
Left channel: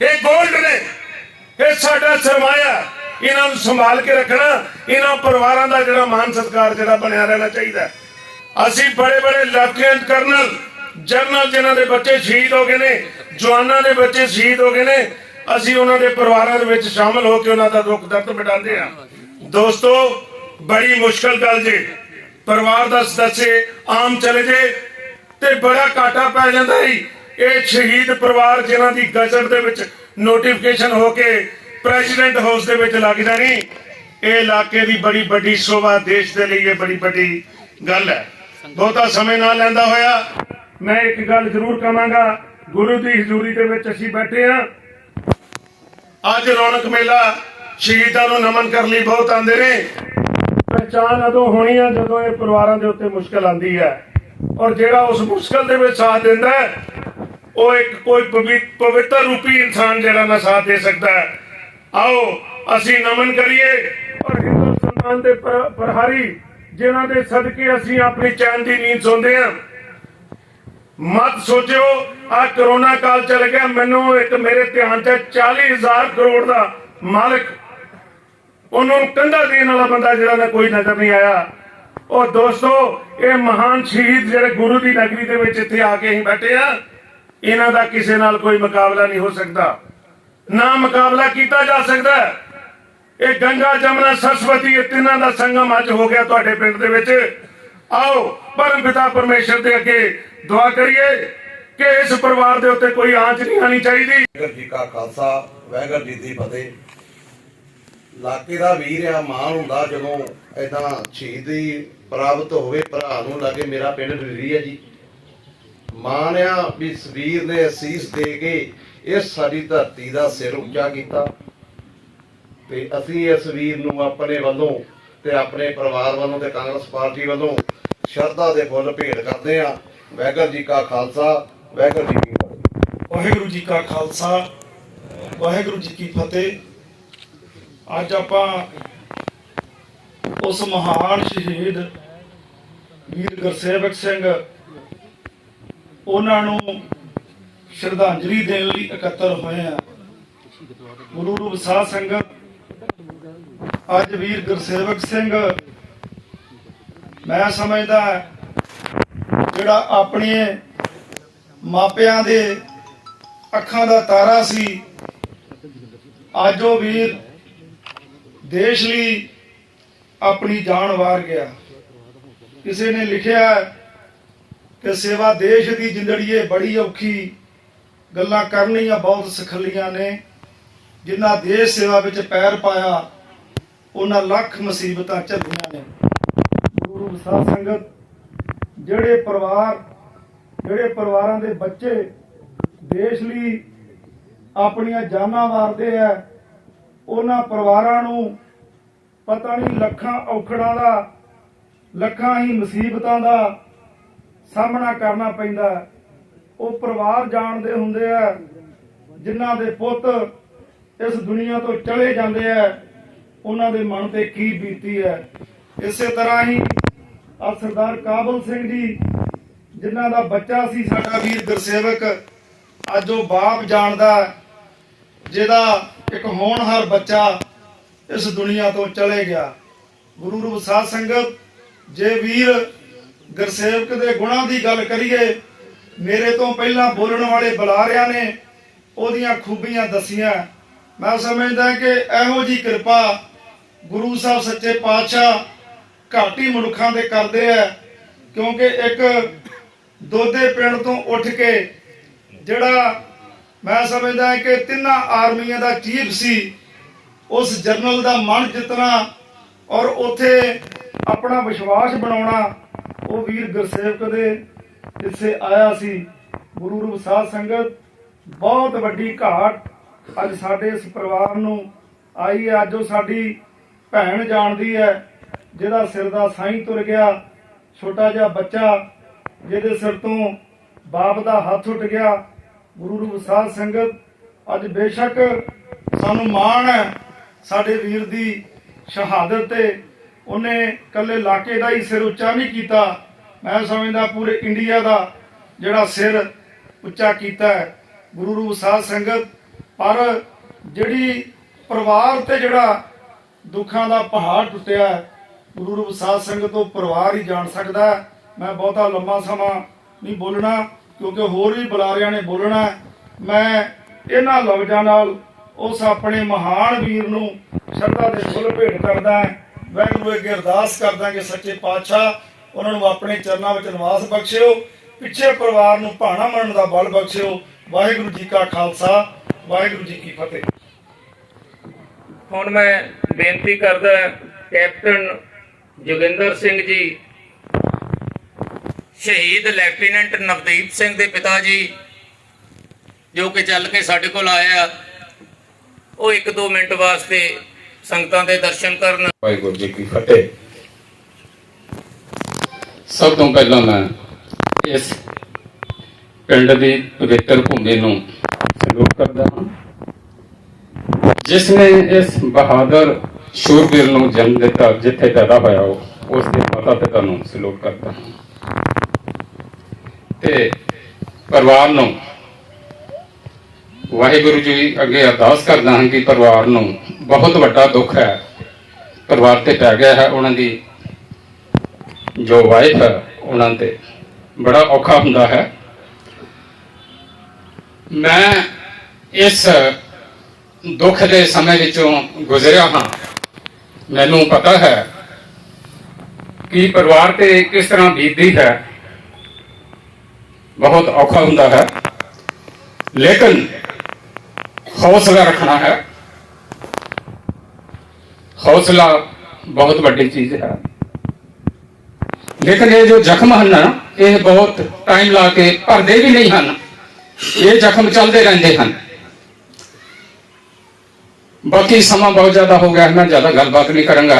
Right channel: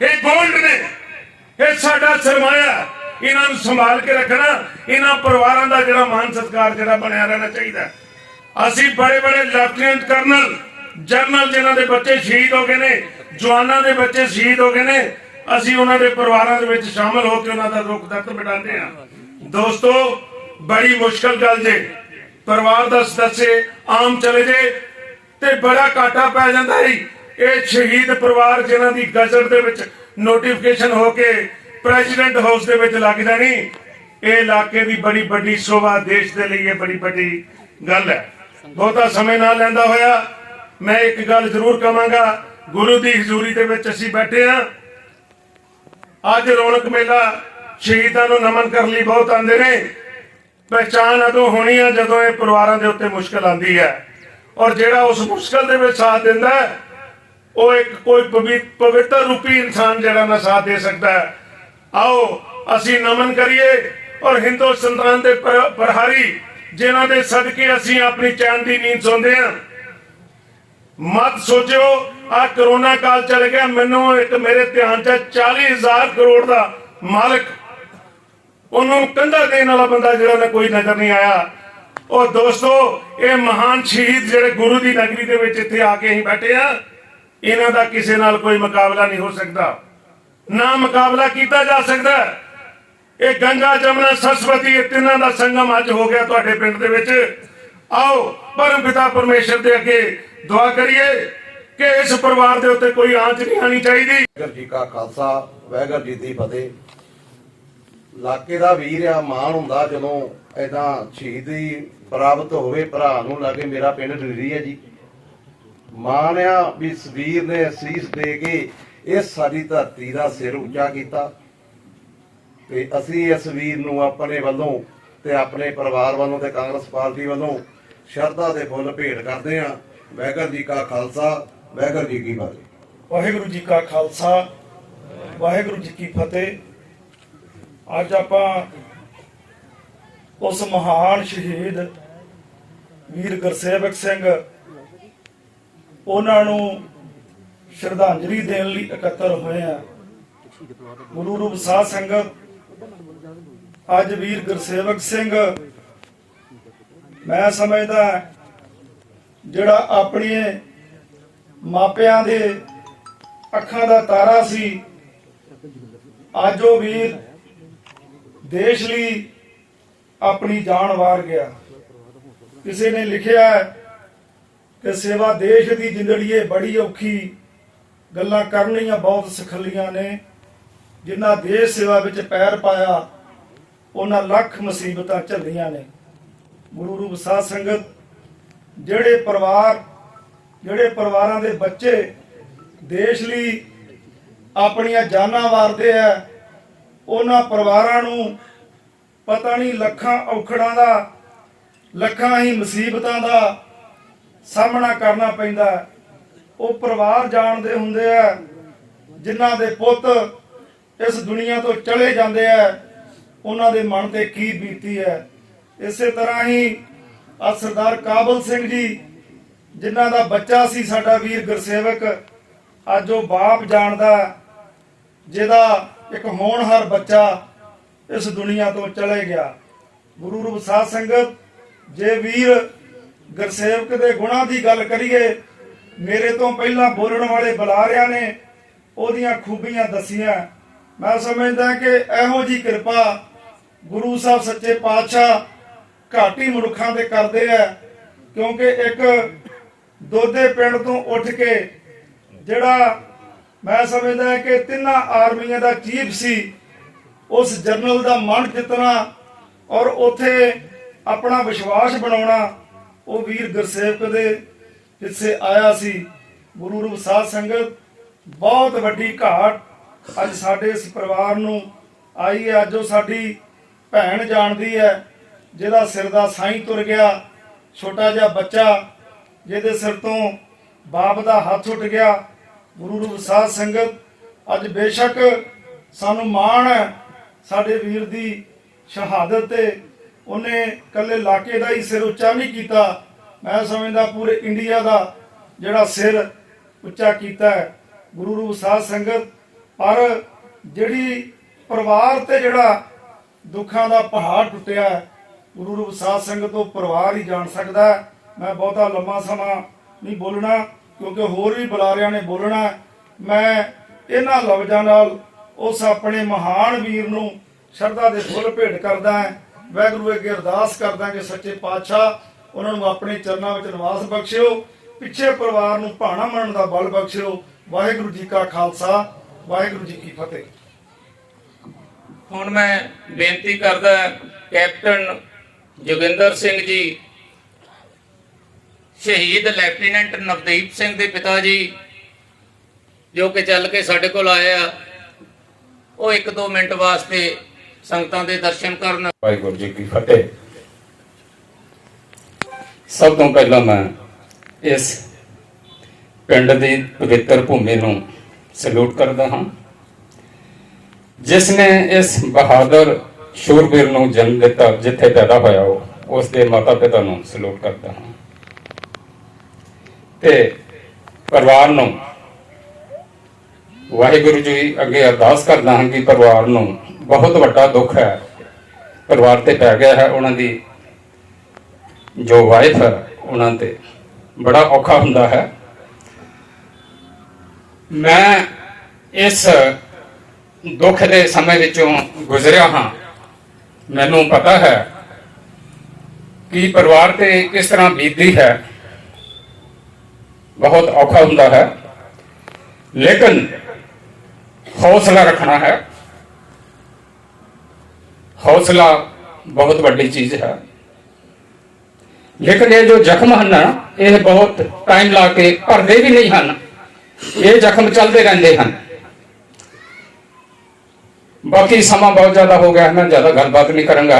ये गोल्ड ने ये साडा सरमाया, इन्हां नूं संभाल के रखना। इन्हां परिवारां दा जिहड़ा मान सत्कार जिहड़ा बनिया रहना चाहिए। ਅਸੀਂ बड़े बड़े ਲੈਫਟੀਨੈਂਟ ਕਰਨਲ ਜਨਰਲ ਜਿਨ੍ਹਾਂ ਦੇ ਬੱਚੇ ਸ਼ਹੀਦ ਹੋ ਗਏ ਨੇ, ਜਵਾਨਾਂ ਦੇ ਬੱਚੇ ਸ਼ਹੀਦ ਹੋ ਗਏ ਨੇ, ਅਸੀਂ ਉਹਨਾਂ ਦੇ ਪਰਿਵਾਰਾਂ ਦੇ ਵਿੱਚ ਸ਼ਾਮਲ ਹੋ ਕੇ ਉਹਨਾਂ ਦਾ ਦੁੱਖ ਦਰਦ ਮਿਟਾਉਂਦੇ ਹਾਂ। ਦੋਸਤੋ ਬੜੀ ਮੁਸ਼ਕਲ ਗੱਲ ਜੇ ਪਰਿਵਾਰ ਦਾ ਸਦੱਸੇ ਆਮ ਚਲੇ ਜੇ ਤੇ ਬੜਾ ਘਾਟਾ ਪੈ ਜਾਂਦਾ ਹੈ। ਇਹ ਸ਼ਹੀਦ ਪਰਿਵਾਰ ਜਿਨ੍ਹਾਂ ਦੀ ਗਜ਼ਟ ਦੇ ਵਿੱਚ ਨੋਟੀਫਿਕੇਸ਼ਨ ਹੋ ਕੇ ਪ੍ਰੈਜ਼ੀਡੈਂਟ ਹਾਊਸ ਦੇ ਵਿੱਚ ਲੱਗ ਜਾਣੀ, ਇਹ ਇਲਾਕੇ ਦੀ ਬੜੀ ਵੱਡੀ ਸ਼ੋਭਾ, ਦੇਸ਼ ਦੇ ਲਈ ਇਹ ਬੜੀ ਵੱਡੀ ਗੱਲ ਹੈ। ਬਹੁਤਾ ਸਮੇਂ ਨਾ ਲੈਂਦਾ ਹੋਇਆ ਮੈਂ ਇੱਕ ਗੱਲ ਜ਼ਰੂਰ ਕਹਾਂਗਾ, ਗੁਰੂ ਦੀ ਹਜ਼ੂਰੀ ਦੇ ਵਿੱਚ ਅਸੀਂ ਬੈਠੇ ਹਾਂ। ਅੱਜ ਰੌਣਕ ਮੇਲਾ ਸ਼ਹੀਦਾਂ ਨੂੰ ਨਮਨ ਕਰਨ ਲਈ ਬਹੁਤ ਆਉਂਦੇ ਨੇ। ਪਹਿਚਾਣ ਉਦੋਂ ਹੋਣੀ ਹੈ ਜਦੋਂ ਇਹ ਪਰਿਵਾਰਾਂ ਦੇ ਉੱਤੇ ਮੁਸ਼ਕਲ ਆਉਂਦੀ ਹੈ, ਔਰ ਜਿਹੜਾ ਉਸ ਮੁਸ਼ਕਲ ਦੇ ਵਿੱਚ ਸਾਥ ਦਿੰਦਾ ਹੈ ਉਹ ਇੱਕ ਕੋਈ ਪਵਿੱਤਰ ਰੂਪੀ ਇਨਸਾਨ ਜਿਹੜਾ ਨਾ ਸਾਥ ਦੇ ਸਕਦਾ ਹੈ। ਆਓ ਅਸੀਂ ਨਮਨ ਕਰੀਏ ਔਰ ਹਿੰਦੁਸਤਾਨ ਦੇ ਪ੍ਰਹਾਰੀ ਜਿਨ੍ਹਾਂ ਦੇ ਸਦਕੇ ਅਸੀਂ ਆਪਣੀ ਚੈਨ ਦੀ ਨੀਂਦ ਸੌਂਦੇ ਹਾਂ। ਮਤ ਸੋਚੋ ਆ ਕਰੋਨਾ ਕਾਲ ਚਲੇ ਗਿਆ, ਮੈਨੂੰ ਇੱਕ ਮੇਰੇ ਧਿਆਨ 'ਚ 40,000 ਕਰੋੜ ਦਾ ਮਾਲਕ, ਉਹਨੂੰ ਕੰਧਾ ਦੇਣ ਵਾਲਾ ਬੰਦਾ ਜਿਹੜਾ ਨਾ ਕੋਈ ਨਜ਼ਰ ਨਹੀਂ ਆਇਆ। ਔਰ ਦੋਸਤੋ ਇਹ ਮਹਾਨ ਸ਼ਹੀਦ ਜਿਹੜੇ ਗੁਰੂ ਦੀ ਨਗਰੀ ਦੇ ਵਿੱਚ ਇੱਥੇ ਆ ਕੇ ਅਸੀਂ ਬੈਠੇ ਆ, ਇਹਨਾਂ ਦਾ ਕਿਸੇ ਨਾਲ ਕੋਈ ਮੁਕਾਬਲਾ ਨਹੀਂ ਹੋ ਸਕਦਾ, ਨਾ ਮੁਕਾਬਲਾ ਕੀਤਾ ਜਾ ਸਕਦਾ। ਇਹ ਗੰਗਾ ਜਮਨਾ ਸਰਸਵਤੀ ਇਹ ਤਿੰਨਾਂ ਦਾ ਸੰਗਮ ਅੱਜ ਹੋ ਗਿਆ ਤੁਹਾਡੇ ਪਿੰਡ ਦੇ ਵਿੱਚ। ਆਓ ਪਰਮ ਪਿਤਾ ਪਰਮੇਸ਼ਰ ਦੇ ਅੱਗੇ ਦੁਆ ਕਰੀਏ ਕਿ ਇਸ ਪਰਿਵਾਰ ਦੇ ਉੱਤੇ ਕੋਈ ਆਂਚ ਨਹੀਂ ਆਣੀ ਚਾਹੀਦੀ। ਵਾਹਿਗੁਰੂ ਜੀ ਕਾ ਖਾਲਸਾ, ਵਾਹਿਗੁਰੂ ਜੀ ਦੀ ਫਤਿਹ। ਇਲਾਕੇ ਦਾ ਵੀਰ ਆ, ਮਾਣ ਹੁੰਦਾ ਜਦੋਂ ਏਦਾਂ ਸ਼ਹੀਦੀ ਪ੍ਰਾਪਤ ਹੋਵੇ। ਭਰਾ ਨੂੰ ਲੱਗੇ ਮੇਰਾ ਪਿੰਡ ਢੀਰੀ ਹੈ ਜੀ, ਮਾਣ ਆ ਵੀ ਇਸ ਵੀਰ ਨੇ ਅਸੀਸ ਦੇ ਕੇ ਇਸ ਸਾਡੀ ਧਰਤੀ ਦਾ ਸਿਰ ਉੱਚਾ ਕੀਤਾ ਤੇ ਅਸੀਂ ਇਸ ਵੀਰ ਨੂੰ ਆਪਣੇ ਵੱਲੋਂ ਤੇ ਆਪਣੇ ਪਰਿਵਾਰ ਵੱਲੋਂ ਤੇ ਕਾਂਗਰਸ ਪਾਰਟੀ ਵੱਲੋਂ ਸ਼ਰਧਾ ਦੇ ਫੁੱਲ ਭੇਟ ਕਰਦੇ ਹਾਂ। ਵਾਹਿਗੁਰੂ ਜੀ ਕਾ ਖਾਲਸਾ, ਵਾਹਿਗੁਰੂ ਜੀ ਕੀ ਫਤਿਹ। ਵਾਹਿਗੁਰੂ ਜੀ ਕਾ ਖਾਲਸਾ, ਵਾਹਿਗੁਰੂ ਜੀ ਕੀ ਫਤਿਹ। ਅੱਜ ਆਪਾਂ ਉਸ ਮਹਾਨ ਸ਼ਹੀਦ ਵੀਰ ਗੁਰਸੇਵਕ ਸਿੰਘ ਉਹਨਾਂ ਨੂੰ ਸ਼ਰਧਾਂਜਲੀ ਦੇਣ ਲਈ ਇਕੱਤਰ ਹੋਏ ਆ। ਗੁਰੂ ਰੂਪ ਸਾਧ ਸੰਗਤ, ਅੱਜ ਵੀਰ ਗੁਰਸੇਵਕ ਸਿੰਘ ਮੈਂ ਸਮਝਦਾ ਜਿਹੜਾ ਆਪਣੇ ਮਾਪਿਆਂ ਦੇ ਅੱਖਾਂ ਦਾ ਤਾਰਾ ਸੀ, ਅੱਜ ਉਹ ਵੀਰ ਦੇਸ਼ ਲਈ ਆਪਣੀ ਜਾਨ ਵਾਰ ਗਿਆ। ਕਿਸੇ ਨੇ ਲਿਖਿਆ ਕਿ ਸੇਵਾ ਦੇਸ਼ ਦੀ ਜ਼ਿੰਦੜੀਏ ਬੜੀ ਔਖੀ, ਗੱਲਾਂ ਕਰਨੀਆਂ ਬਹੁਤ ਸਖਲੀਆਂ ਨੇ, ਜਿਨ੍ਹਾਂ ਦੇਸ਼ ਸੇਵਾ ਵਿੱਚ ਪੈਰ ਪਾਇਆ ਉਹਨਾਂ ਲੱਖ ਮੁਸੀਬਤਾਂ ਝੱਲੀਆਂ ਨੇ। ਗੁਰੂ ਰੂਪ ਸਾਧ ਸੰਗਤ, ਜਿਹੜੇ ਪਰਿਵਾਰਾਂ ਦੇ ਬੱਚੇ ਦੇਸ਼ ਲਈ ਆਪਣੀਆਂ ਜਾਨਾਂ ਵਾਰਦੇ ਆ, ਉਹਨਾਂ ਪਰਿਵਾਰਾਂ ਨੂੰ ਪਤਾ ਨਹੀਂ ਲੱਖਾਂ ਔਖੜਾਂ ਦਾ, ਲੱਖਾਂ ਹੀ ਮੁਸੀਬਤਾਂ ਦਾ ਸਾਹਮਣਾ ਕਰਨਾ ਪੈਂਦਾ। ਉਹ ਪਰਿਵਾਰ ਜਾਣਦੇ ਹੁੰਦੇ ਆ ਜਿਨ੍ਹਾਂ ਦੇ ਪੁੱਤ ਇਸ ਦੁਨੀਆ ਤੋਂ ਚਲੇ ਜਾਂਦੇ ਆ, ਉਹਨਾਂ ਦੇ ਮਨ ਤੇ ਕੀ ਬੀਤੀ ਹੈ। ਇਸੇ ਤਰ੍ਹਾਂ ਹੀ ਆ ਸਰਦਾਰ ਕਾਬਲ ਸਿੰਘ ਜੀ ਜਿਨ੍ਹਾਂ ਦਾ ਬੱਚਾ ਸੀ ਸਾਡਾ ਵੀਰ ਗੁਰਸੇਵਕ, ਅੱਜ ਉਹ ਬਾਪ ਜਾਣਦਾ ਜਿਹਦਾ ਇੱਕ ਹੋਣਹਾਰ ਬੱਚਾ ਇਸ ਦੁਨੀਆ ਤੋਂ ਚਲੇ ਗਿਆ। ਗੁਰੂ ਰੂਪ ਸਾਧ ਸੰਗਤ, ਜੇ ਵੀਰ ਗੁਰਸੇਵਕ ਦੇ ਗੁਣਾਂ ਦੀ ਗੱਲ ਕਰੀਏ, ਮੇਰੇ ਤੋਂ ਪਹਿਲਾਂ ਬੋਲਣ ਵਾਲੇ ਬੁਲਾਰਿਆਂ ਨੇ ਉਹਦੀਆਂ ਖੂਬੀਆਂ ਦੱਸੀਆਂ। मैं समझदा कि ਇਹੋ जी ਕਿਰਪਾ ਗੁਰੂ ਸਾਹਿਬ ਸੱਚੇ ਪਾਤਸ਼ਾਹ ਘੱਟ ਹੀ ਮਨੁੱਖਾਂ ਦੇ ਕਰਦੇ ਆ, ਕਿਉਂਕਿ ਇੱਕ ਦੋਦੇ ਪਿੰਡ ਤੋਂ ਉੱਠ ਕੇ ਜਿਹੜਾ ਮੈਂ ਸਮਝਦਾ ਕਿ ਤਿੰਨਾਂ ਆਰਮੀਆਂ ਦਾ ਚੀਫ ਸੀ, ਉਸ ਜਰਨਲ ਦਾ ਮਨ ਜਿੱਤਣਾ ਔਰ ਉੱਥੇ ਆਪਣਾ ਵਿਸ਼ਵਾਸ ਬਣਾਉਣਾ ਉਹ ਵੀਰ ਗੁਰਸੇਵਕ ਦੇ ਹਿੱਸੇ ਆਇਆ ਸੀ। ਗੁਰੂ ਰੂਪ ਸਾਧ ਸੰਗਤ ਬਹੁਤ ਵੱਡੀ ਘਾਟ ਅੱਜ ਸਾਡੇ ਇਸ ਪਰਿਵਾਰ ਨੂੰ ਆਈ ਹੈ। ਅੱਜ ਉਹ ਸਾਡੀ ਭੈਣ ਜਾਣਦੀ ਹੈ ਜਿਹਦਾ ਸਿਰ ਦਾ ਸਾਈਂ ਤੁਰ ਗਿਆ, ਛੋਟਾ ਜਿਹਾ ਬੱਚਾ ਜਿਹਦੇ ਸਿਰ ਤੋਂ ਬਾਪ ਦਾ ਹੱਥ ਉੱਟ ਗਿਆ। ਗੁਰੂ ਰੂਪ ਸਾਧ ਸੰਗਤ ਅੱਜ ਬੇਸ਼ੱਕ ਸਾਨੂੰ ਮਾਣ ਹੈ ਸਾਡੇ ਵੀਰ ਦੀ ਸ਼ਹਾਦਤ ਤੇ। ਉਹਨੇ ਇਕੱਲੇ ਇਲਾਕੇ ਦਾ ਹੀ ਸਿਰ ਉੱਚਾ ਨਹੀਂ ਕੀਤਾ, ਮੈਂ ਸਮਝਦਾ ਪੂਰੇ ਇੰਡੀਆ ਦਾ ਜਿਹੜਾ ਸਿਰ ਉੱਚਾ ਕੀਤਾ ਹੈ ਗੁਰੂ ਰੂਪ ਸਾਧ ਸੰਗਤ। ਪਰ ਜਿਹੜੀ ਪਰਿਵਾਰ ਤੇ ਜਿਹੜਾ ਦੁੱਖਾਂ ਦਾ ਪਹਾੜ ਟੁੱਟਿਆ ਹੈ, ਗੁਰੂ ਰੂਪ ਸਾਧ ਸੰਗਤ ਤੋਂ ਪਰਿਵਾਰ ਹੀ ਜਾਣ ਸਕਦਾ ਹੈ। ਮੈਂ ਬਹੁਤਾ ਲੰਮਾ ਸਮਾਂ ਨਹੀਂ ਬੋਲਣਾ ਕਿਉਂਕਿ ਹੋਰ ਵੀ ਬੁਲਾਰਿਆਂ ਨੇ ਬੋਲਣਾ ਹੈ। ਮੈਂ ਇਹਨਾਂ ਲਫ਼ਜ਼ਾਂ ਨਾਲ ਉਸ ਆਪਣੇ ਮਹਾਨ ਵੀਰ ਨੂੰ ਸ਼ਰਧਾ ਦੇ ਫੁੱਲ ਭੇਟ ਕਰਦਾ ਹਾਂ। ਵਾਹਿਗੁਰੂ ਅੱਗੇ ਅਰਦਾਸ ਕਰਦਾ ਕਿ ਸੱਚੇ ਪਾਤਸ਼ਾਹ ਉਹਨਾਂ ਨੂੰ ਆਪਣੇ ਚਰਨਾਂ ਵਿੱਚ ਨਿਵਾਸ ਬਖਸ਼ਿਓ, ਪਿੱਛੇ ਪਰਿਵਾਰ ਨੂੰ ਭਾਣਾ ਮੰਨਣ ਦਾ ਬਲ ਬਖਸ਼ਿਓ। ਵਾਹਿਗੁਰੂ ਜੀ ਕਾ ਖਾਲਸਾ, ਵਾਹਿਗੁਰੂ ਜੀ ਕੀ ਫਤਿਹ। ਹੁਣ ਮੈਂ ਬੇਨਤੀ ਕਰਦਾ ਕੈਪਟਨ ਜੋਗਿੰਦਰ ਸਿੰਘ ਜੀ, ਸ਼ਹੀਦ ਲੈਫਟੀਨੈਂਟ ਨਵਦੀਪ ਸਿੰਘ ਦੇ ਪਿਤਾ ਜੀ, ਜੋ ਕਿ ਚੱਲ ਕੇ ਸਾਡੇ ਕੋਲ ਆਏ ਆ, ਉਹ 1-2 ਮਿੰਟ ਵਾਸਤੇ ਸੰਗਤਾਂ ਦੇ ਦਰਸ਼ਨ ਕਰਨ। ਵਾਹਿਗੁਰੂ ਜੀ ਕੀ ਫਤਿਹ। ਸਭ ਤੋਂ ਪਹਿਲਾਂ ਮੈਂ ਇਸ ਪਿੰਡ ਦੀ ਪਵਿੱਤਰ ਭੂਮੀ ਨੂੰ ਸਲੂਟ ਕਰਦਾ ਹਾਂ, ਜਿਸ ਨੇ ਇਸ ਬਹਾਦਰ ਸ਼ੂਰਵੀਰ ਨੂੰ ਜਨਮ ਦਿੱਤਾ, ਜਿੱਥੇ ਪੈਦਾ ਹੋਇਆ ਉਸ ਦੇ ਮਾਤਾ ਪਿਤਾ ਨੂੰ ਸਲੂਟ ਕਰਦਾ ਹਾਂ ਤੇ ਪਰਿਵਾਰ ਨੂੰ ਵਾਹਿਗੁਰੂ ਜੀ ਅੱਗੇ ਅਰਦਾਸ ਕਰਦਾ ਹਾਂ ਕਿ ਪਰਿਵਾਰ ਨੂੰ ਬਹੁਤ ਵੱਡਾ ਦੁੱਖ ਹੈ ਪਰਿਵਾਰ ਤੇ ਪੈ ਗਿਆ ਹੈ। ਉਹਨਾਂ ਦੀ ਜੋ ਵਾਈਫ ਹੈ ਉਹਨਾਂ ਤੇ ਬੜਾ ਔਖਾ ਹੁੰਦਾ ਹੈ। ਮੈਂ ਇਸ ਦੁੱਖ ਦੇ ਸਮੇਂ ਵਿੱਚੋਂ ਗੁਜ਼ਰਿਆ ਹਾਂ। ਮੈਨੂੰ ਪਤਾ ਹੈ ਕਿ ਪਰਿਵਾਰ ਤੇ ਕਿਸ ਤਰ੍ਹਾਂ ਬੀਤਦੀ ਹੈ, ਬਹੁਤ ਔਖਾ ਹੁੰਦਾ ਹੈ, ਲੇਕਿਨ हौसला रखना है। हौसला बहुत बड़ी चीज है, लेकिन ये जो जख्म है ना, ये बहुत टाइम ला के भरते भी नहीं हैं, ये जख्म चलते रहते हैं। बाकी समा बहुत ज्यादा हो गया है, मैं ज्यादा गलबात नहीं करूंगा।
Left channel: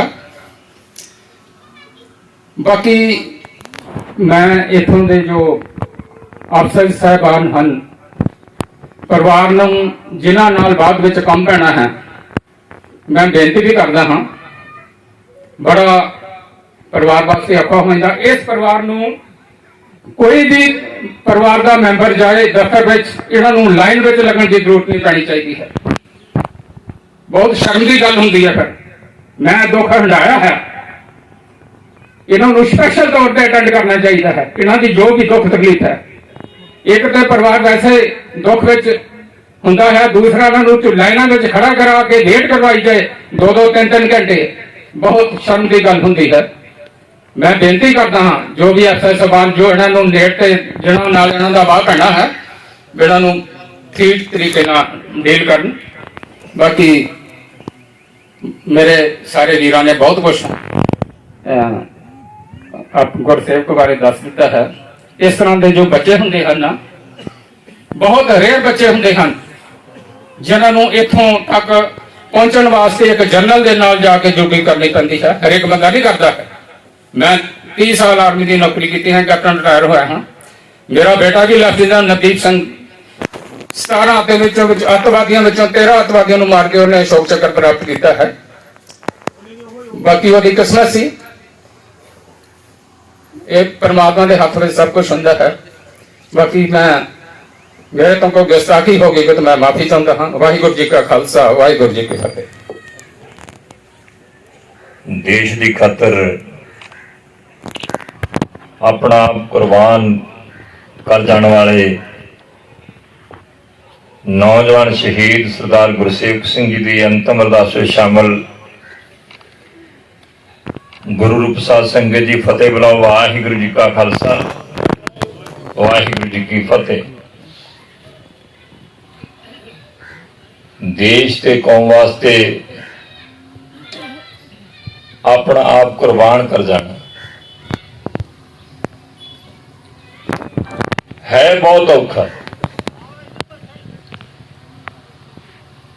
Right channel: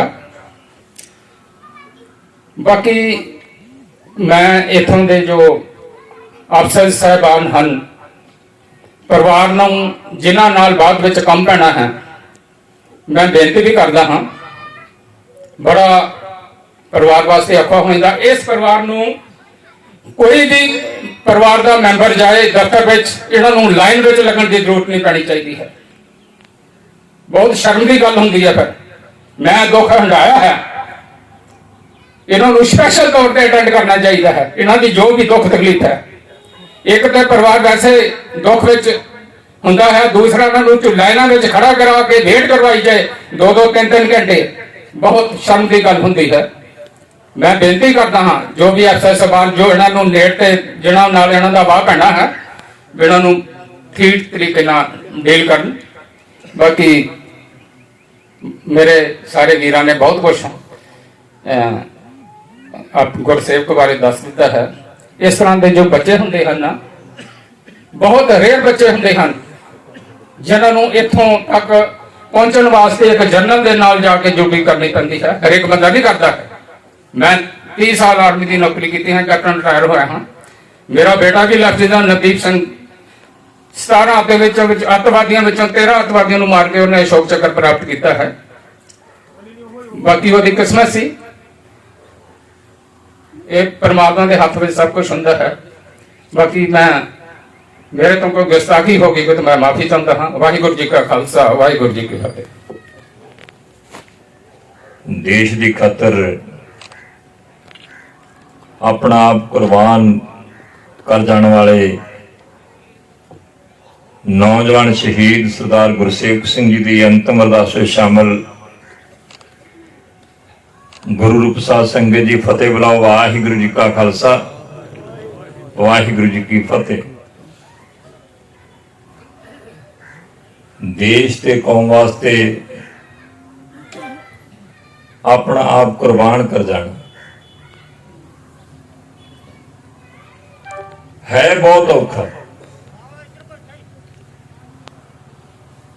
बाकी मैं इथों के जो अफसर साहबान हैं, परिवार ਨੂੰ ਜਿਨ੍ਹਾਂ ਨਾਲ ਬਾਅਦ ਵਿੱਚ ਕੰਮ ਪੈਣਾ ਹੈ, ਮੈਂ ਬੇਨਤੀ ਵੀ ਕਰਦਾ ਹਾਂ, ਬੜਾ ਪਰਿਵਾਰ ਵਾਸਤੇ ਔਖਾ ਹੋ ਜਾਂਦਾ। ਇਸ ਪਰਿਵਾਰ ਨੂੰ ਕੋਈ ਵੀ ਪਰਿਵਾਰ ਦਾ ਮੈਂਬਰ ਜਾਏ ਦਫ਼ਤਰ ਵਿੱਚ, ਇਹਨਾਂ ਨੂੰ ਲਾਈਨ ਵਿੱਚ ਲੱਗਣ ਦੀ ਜ਼ਰੂਰਤ ਨਹੀਂ ਪੈਣੀ ਚਾਹੀਦੀ ਹੈ। ਬਹੁਤ ਸ਼ਰਮ ਦੀ ਗੱਲ ਹੁੰਦੀ ਹੈ। ਫਿਰ ਮੈਂ ਦੁੱਖ ਹੰਢਾਇਆ ਹੈ, ਇਹਨਾਂ ਨੂੰ ਸਪੈਸ਼ਲ ਤੌਰ ਤੇ ਅਟੈਂਡ ਕਰਨਾ ਚਾਹੀਦਾ ਹੈ। ਇਹਨਾਂ ਦੀ ਜੋ ਵੀ ਦੁੱਖ ਤਕਲੀਫ ਹੈ, ਇੱਕ ਤਾਂ ਪਰਿਵਾਰ ਵੈਸੇ ਦੁੱਖ ਵਿੱਚ ਹੁੰਦਾ ਹੈ, ਦੂਸਰਾ ਇਹਨਾਂ ਨੂੰ ਲਾਈਨਾਂ ਵਿੱਚ ਖੜਾ ਕਰਾ ਕੇ ਵੇਟ ਕਰਵਾਈ ਜਾਏ 2-2 3-3 ਘੰਟੇ, ਬਹੁਤ ਸ਼ਰਮ ਦੀ ਗੱਲ ਹੁੰਦੀ ਹੈ। ਮੈਂ ਬੇਨਤੀ ਕਰਦਾ ਹਾਂ ਜੋ ਵੀ ਅਫਸਰ ਸਾਹਿਬਾਨ ਜੋ ਇਹਨਾਂ ਨੂੰ ਨੇੜ ਤੇ ਜਿਹਨਾਂ ਨਾਲ ਇਹਨਾਂ ਦਾ ਵਾਹ ਪੈਣਾ ਹੈ, ਇਹਨਾਂ ਨੂੰ ਠੀਕ ਤਰੀਕੇ ਨਾਲ ਡੀਲ ਕਰਨ। ਬਾਕੀ ਮੇਰੇ ਸਾਰੇ ਵੀਰਾਂ ਨੇ ਬਹੁਤ ਕੁਛ ਆਪ ਗੁਰਸੇਵਕ ਬਾਰੇ ਦੱਸ ਦਿੱਤਾ ਹੈ। ਇਸ ਤਰ੍ਹਾਂ ਦੇ ਜੋ ਬੱਚੇ ਹੁੰਦੇ ਹਨ, ਬਹੁਤ ਰੇਅਰ ਬੱਚੇ ਹੁੰਦੇ ਹਨ ਜਿਨ੍ਹਾਂ ਨੂੰ ਇੱਥੋਂ ਤੱਕ ਪਹੁੰਚਣ ਵਾਸਤੇ ਇੱਕ ਜਨਰਲ ਦੇ ਨਾਲ ਜਾ ਕੇ ਡਿਊਟੀ ਕਰਨੀ ਪੈਂਦੀ ਹੈ। ਹਰੇਕ ਬੰਦਾ ਨਹੀਂ ਕਰਦਾ। ਮੈਂ 30 ਸਾਲ ਆਰਮੀ ਦੀ ਨੌਕਰੀ ਕੀਤੀ ਹੈ, ਕੈਪਟਨ ਰਿਟਾਇਰ ਹੋਇਆ ਹਾਂ। ਮੇਰਾ ਬੇਟਾ ਵੀ ਲੈਫਟੀਨੈਂਟ ਨਵਦੀਪ ਸਿੰਘ 17 ਦੇ ਵਿੱਚੋਂ ਅੱਤਵਾਦੀਆਂ ਵਿੱਚੋਂ 13 ਅੱਤਵਾਦੀਆਂ ਨੂੰ ਮਾਰ ਕੇ ਉਹਨੇ ਅਸ਼ੋਕ ਚੱਕਰ ਪ੍ਰਾਪਤ ਕੀਤਾ ਹੈ। ਬਾਕੀ ਉਹਦੀ ਕਿਸਮਤ ਸੀ। ਇਹ ਪਰਮਾਤਮਾ ਦੇ ਹੱਥ ਵਿੱਚ ਸਭ ਕੁਝ ਹੁੰਦਾ ਹੈ। ਬਾਕੀ ਮੈਂ ਮੇਰੇ ਤੋਂ ਕੋਈ ਗੁਸਤਾਖੀ ਹੋ ਗਈ ਕਿ ਮੈਂ ਮਾਫੀ ਚਾਹੁੰਦਾ ਹਾਂ। ਵਾਹਿਗੁਰੂ ਜੀ ਕਾ ਖਾਲਸਾ, ਵਾਹਿਗੁਰੂ ਜੀ ਕੀ ਫਤਿਹ। देश की खातर अपना कुर्बान कर जाने वाले ਨੌਜਵਾਨ ਸ਼ਹੀਦ ਸਰਦਾਰ ਗੁਰਸੇਵਕ ਸਿੰਘ ਜੀ ਦੀ ਅੰਤਮ ਅਰਦਾਸ ਵਿੱਚ ਸ਼ਾਮਲ ਗੁਰੂ ਰੂਪ ਸਾਧ ਸੰਗਤ ਜੀ ਫਤਿਹ ਬੁਲਾਓ। ਵਾਹਿਗੁਰੂ ਜੀ ਕਾ ਖਾਲਸਾ, ਵਾਹਿਗੁਰੂ ਜੀ ਕੀ ਫਤਿਹ। ਦੇਸ਼ ਤੇ ਕੌਮ ਵਾਸਤੇ ਆਪਣਾ ਆਪ ਕੁਰਬਾਨ ਕਰ ਜਾਣਾ ਹੈ ਬਹੁਤ ਔਖਾ,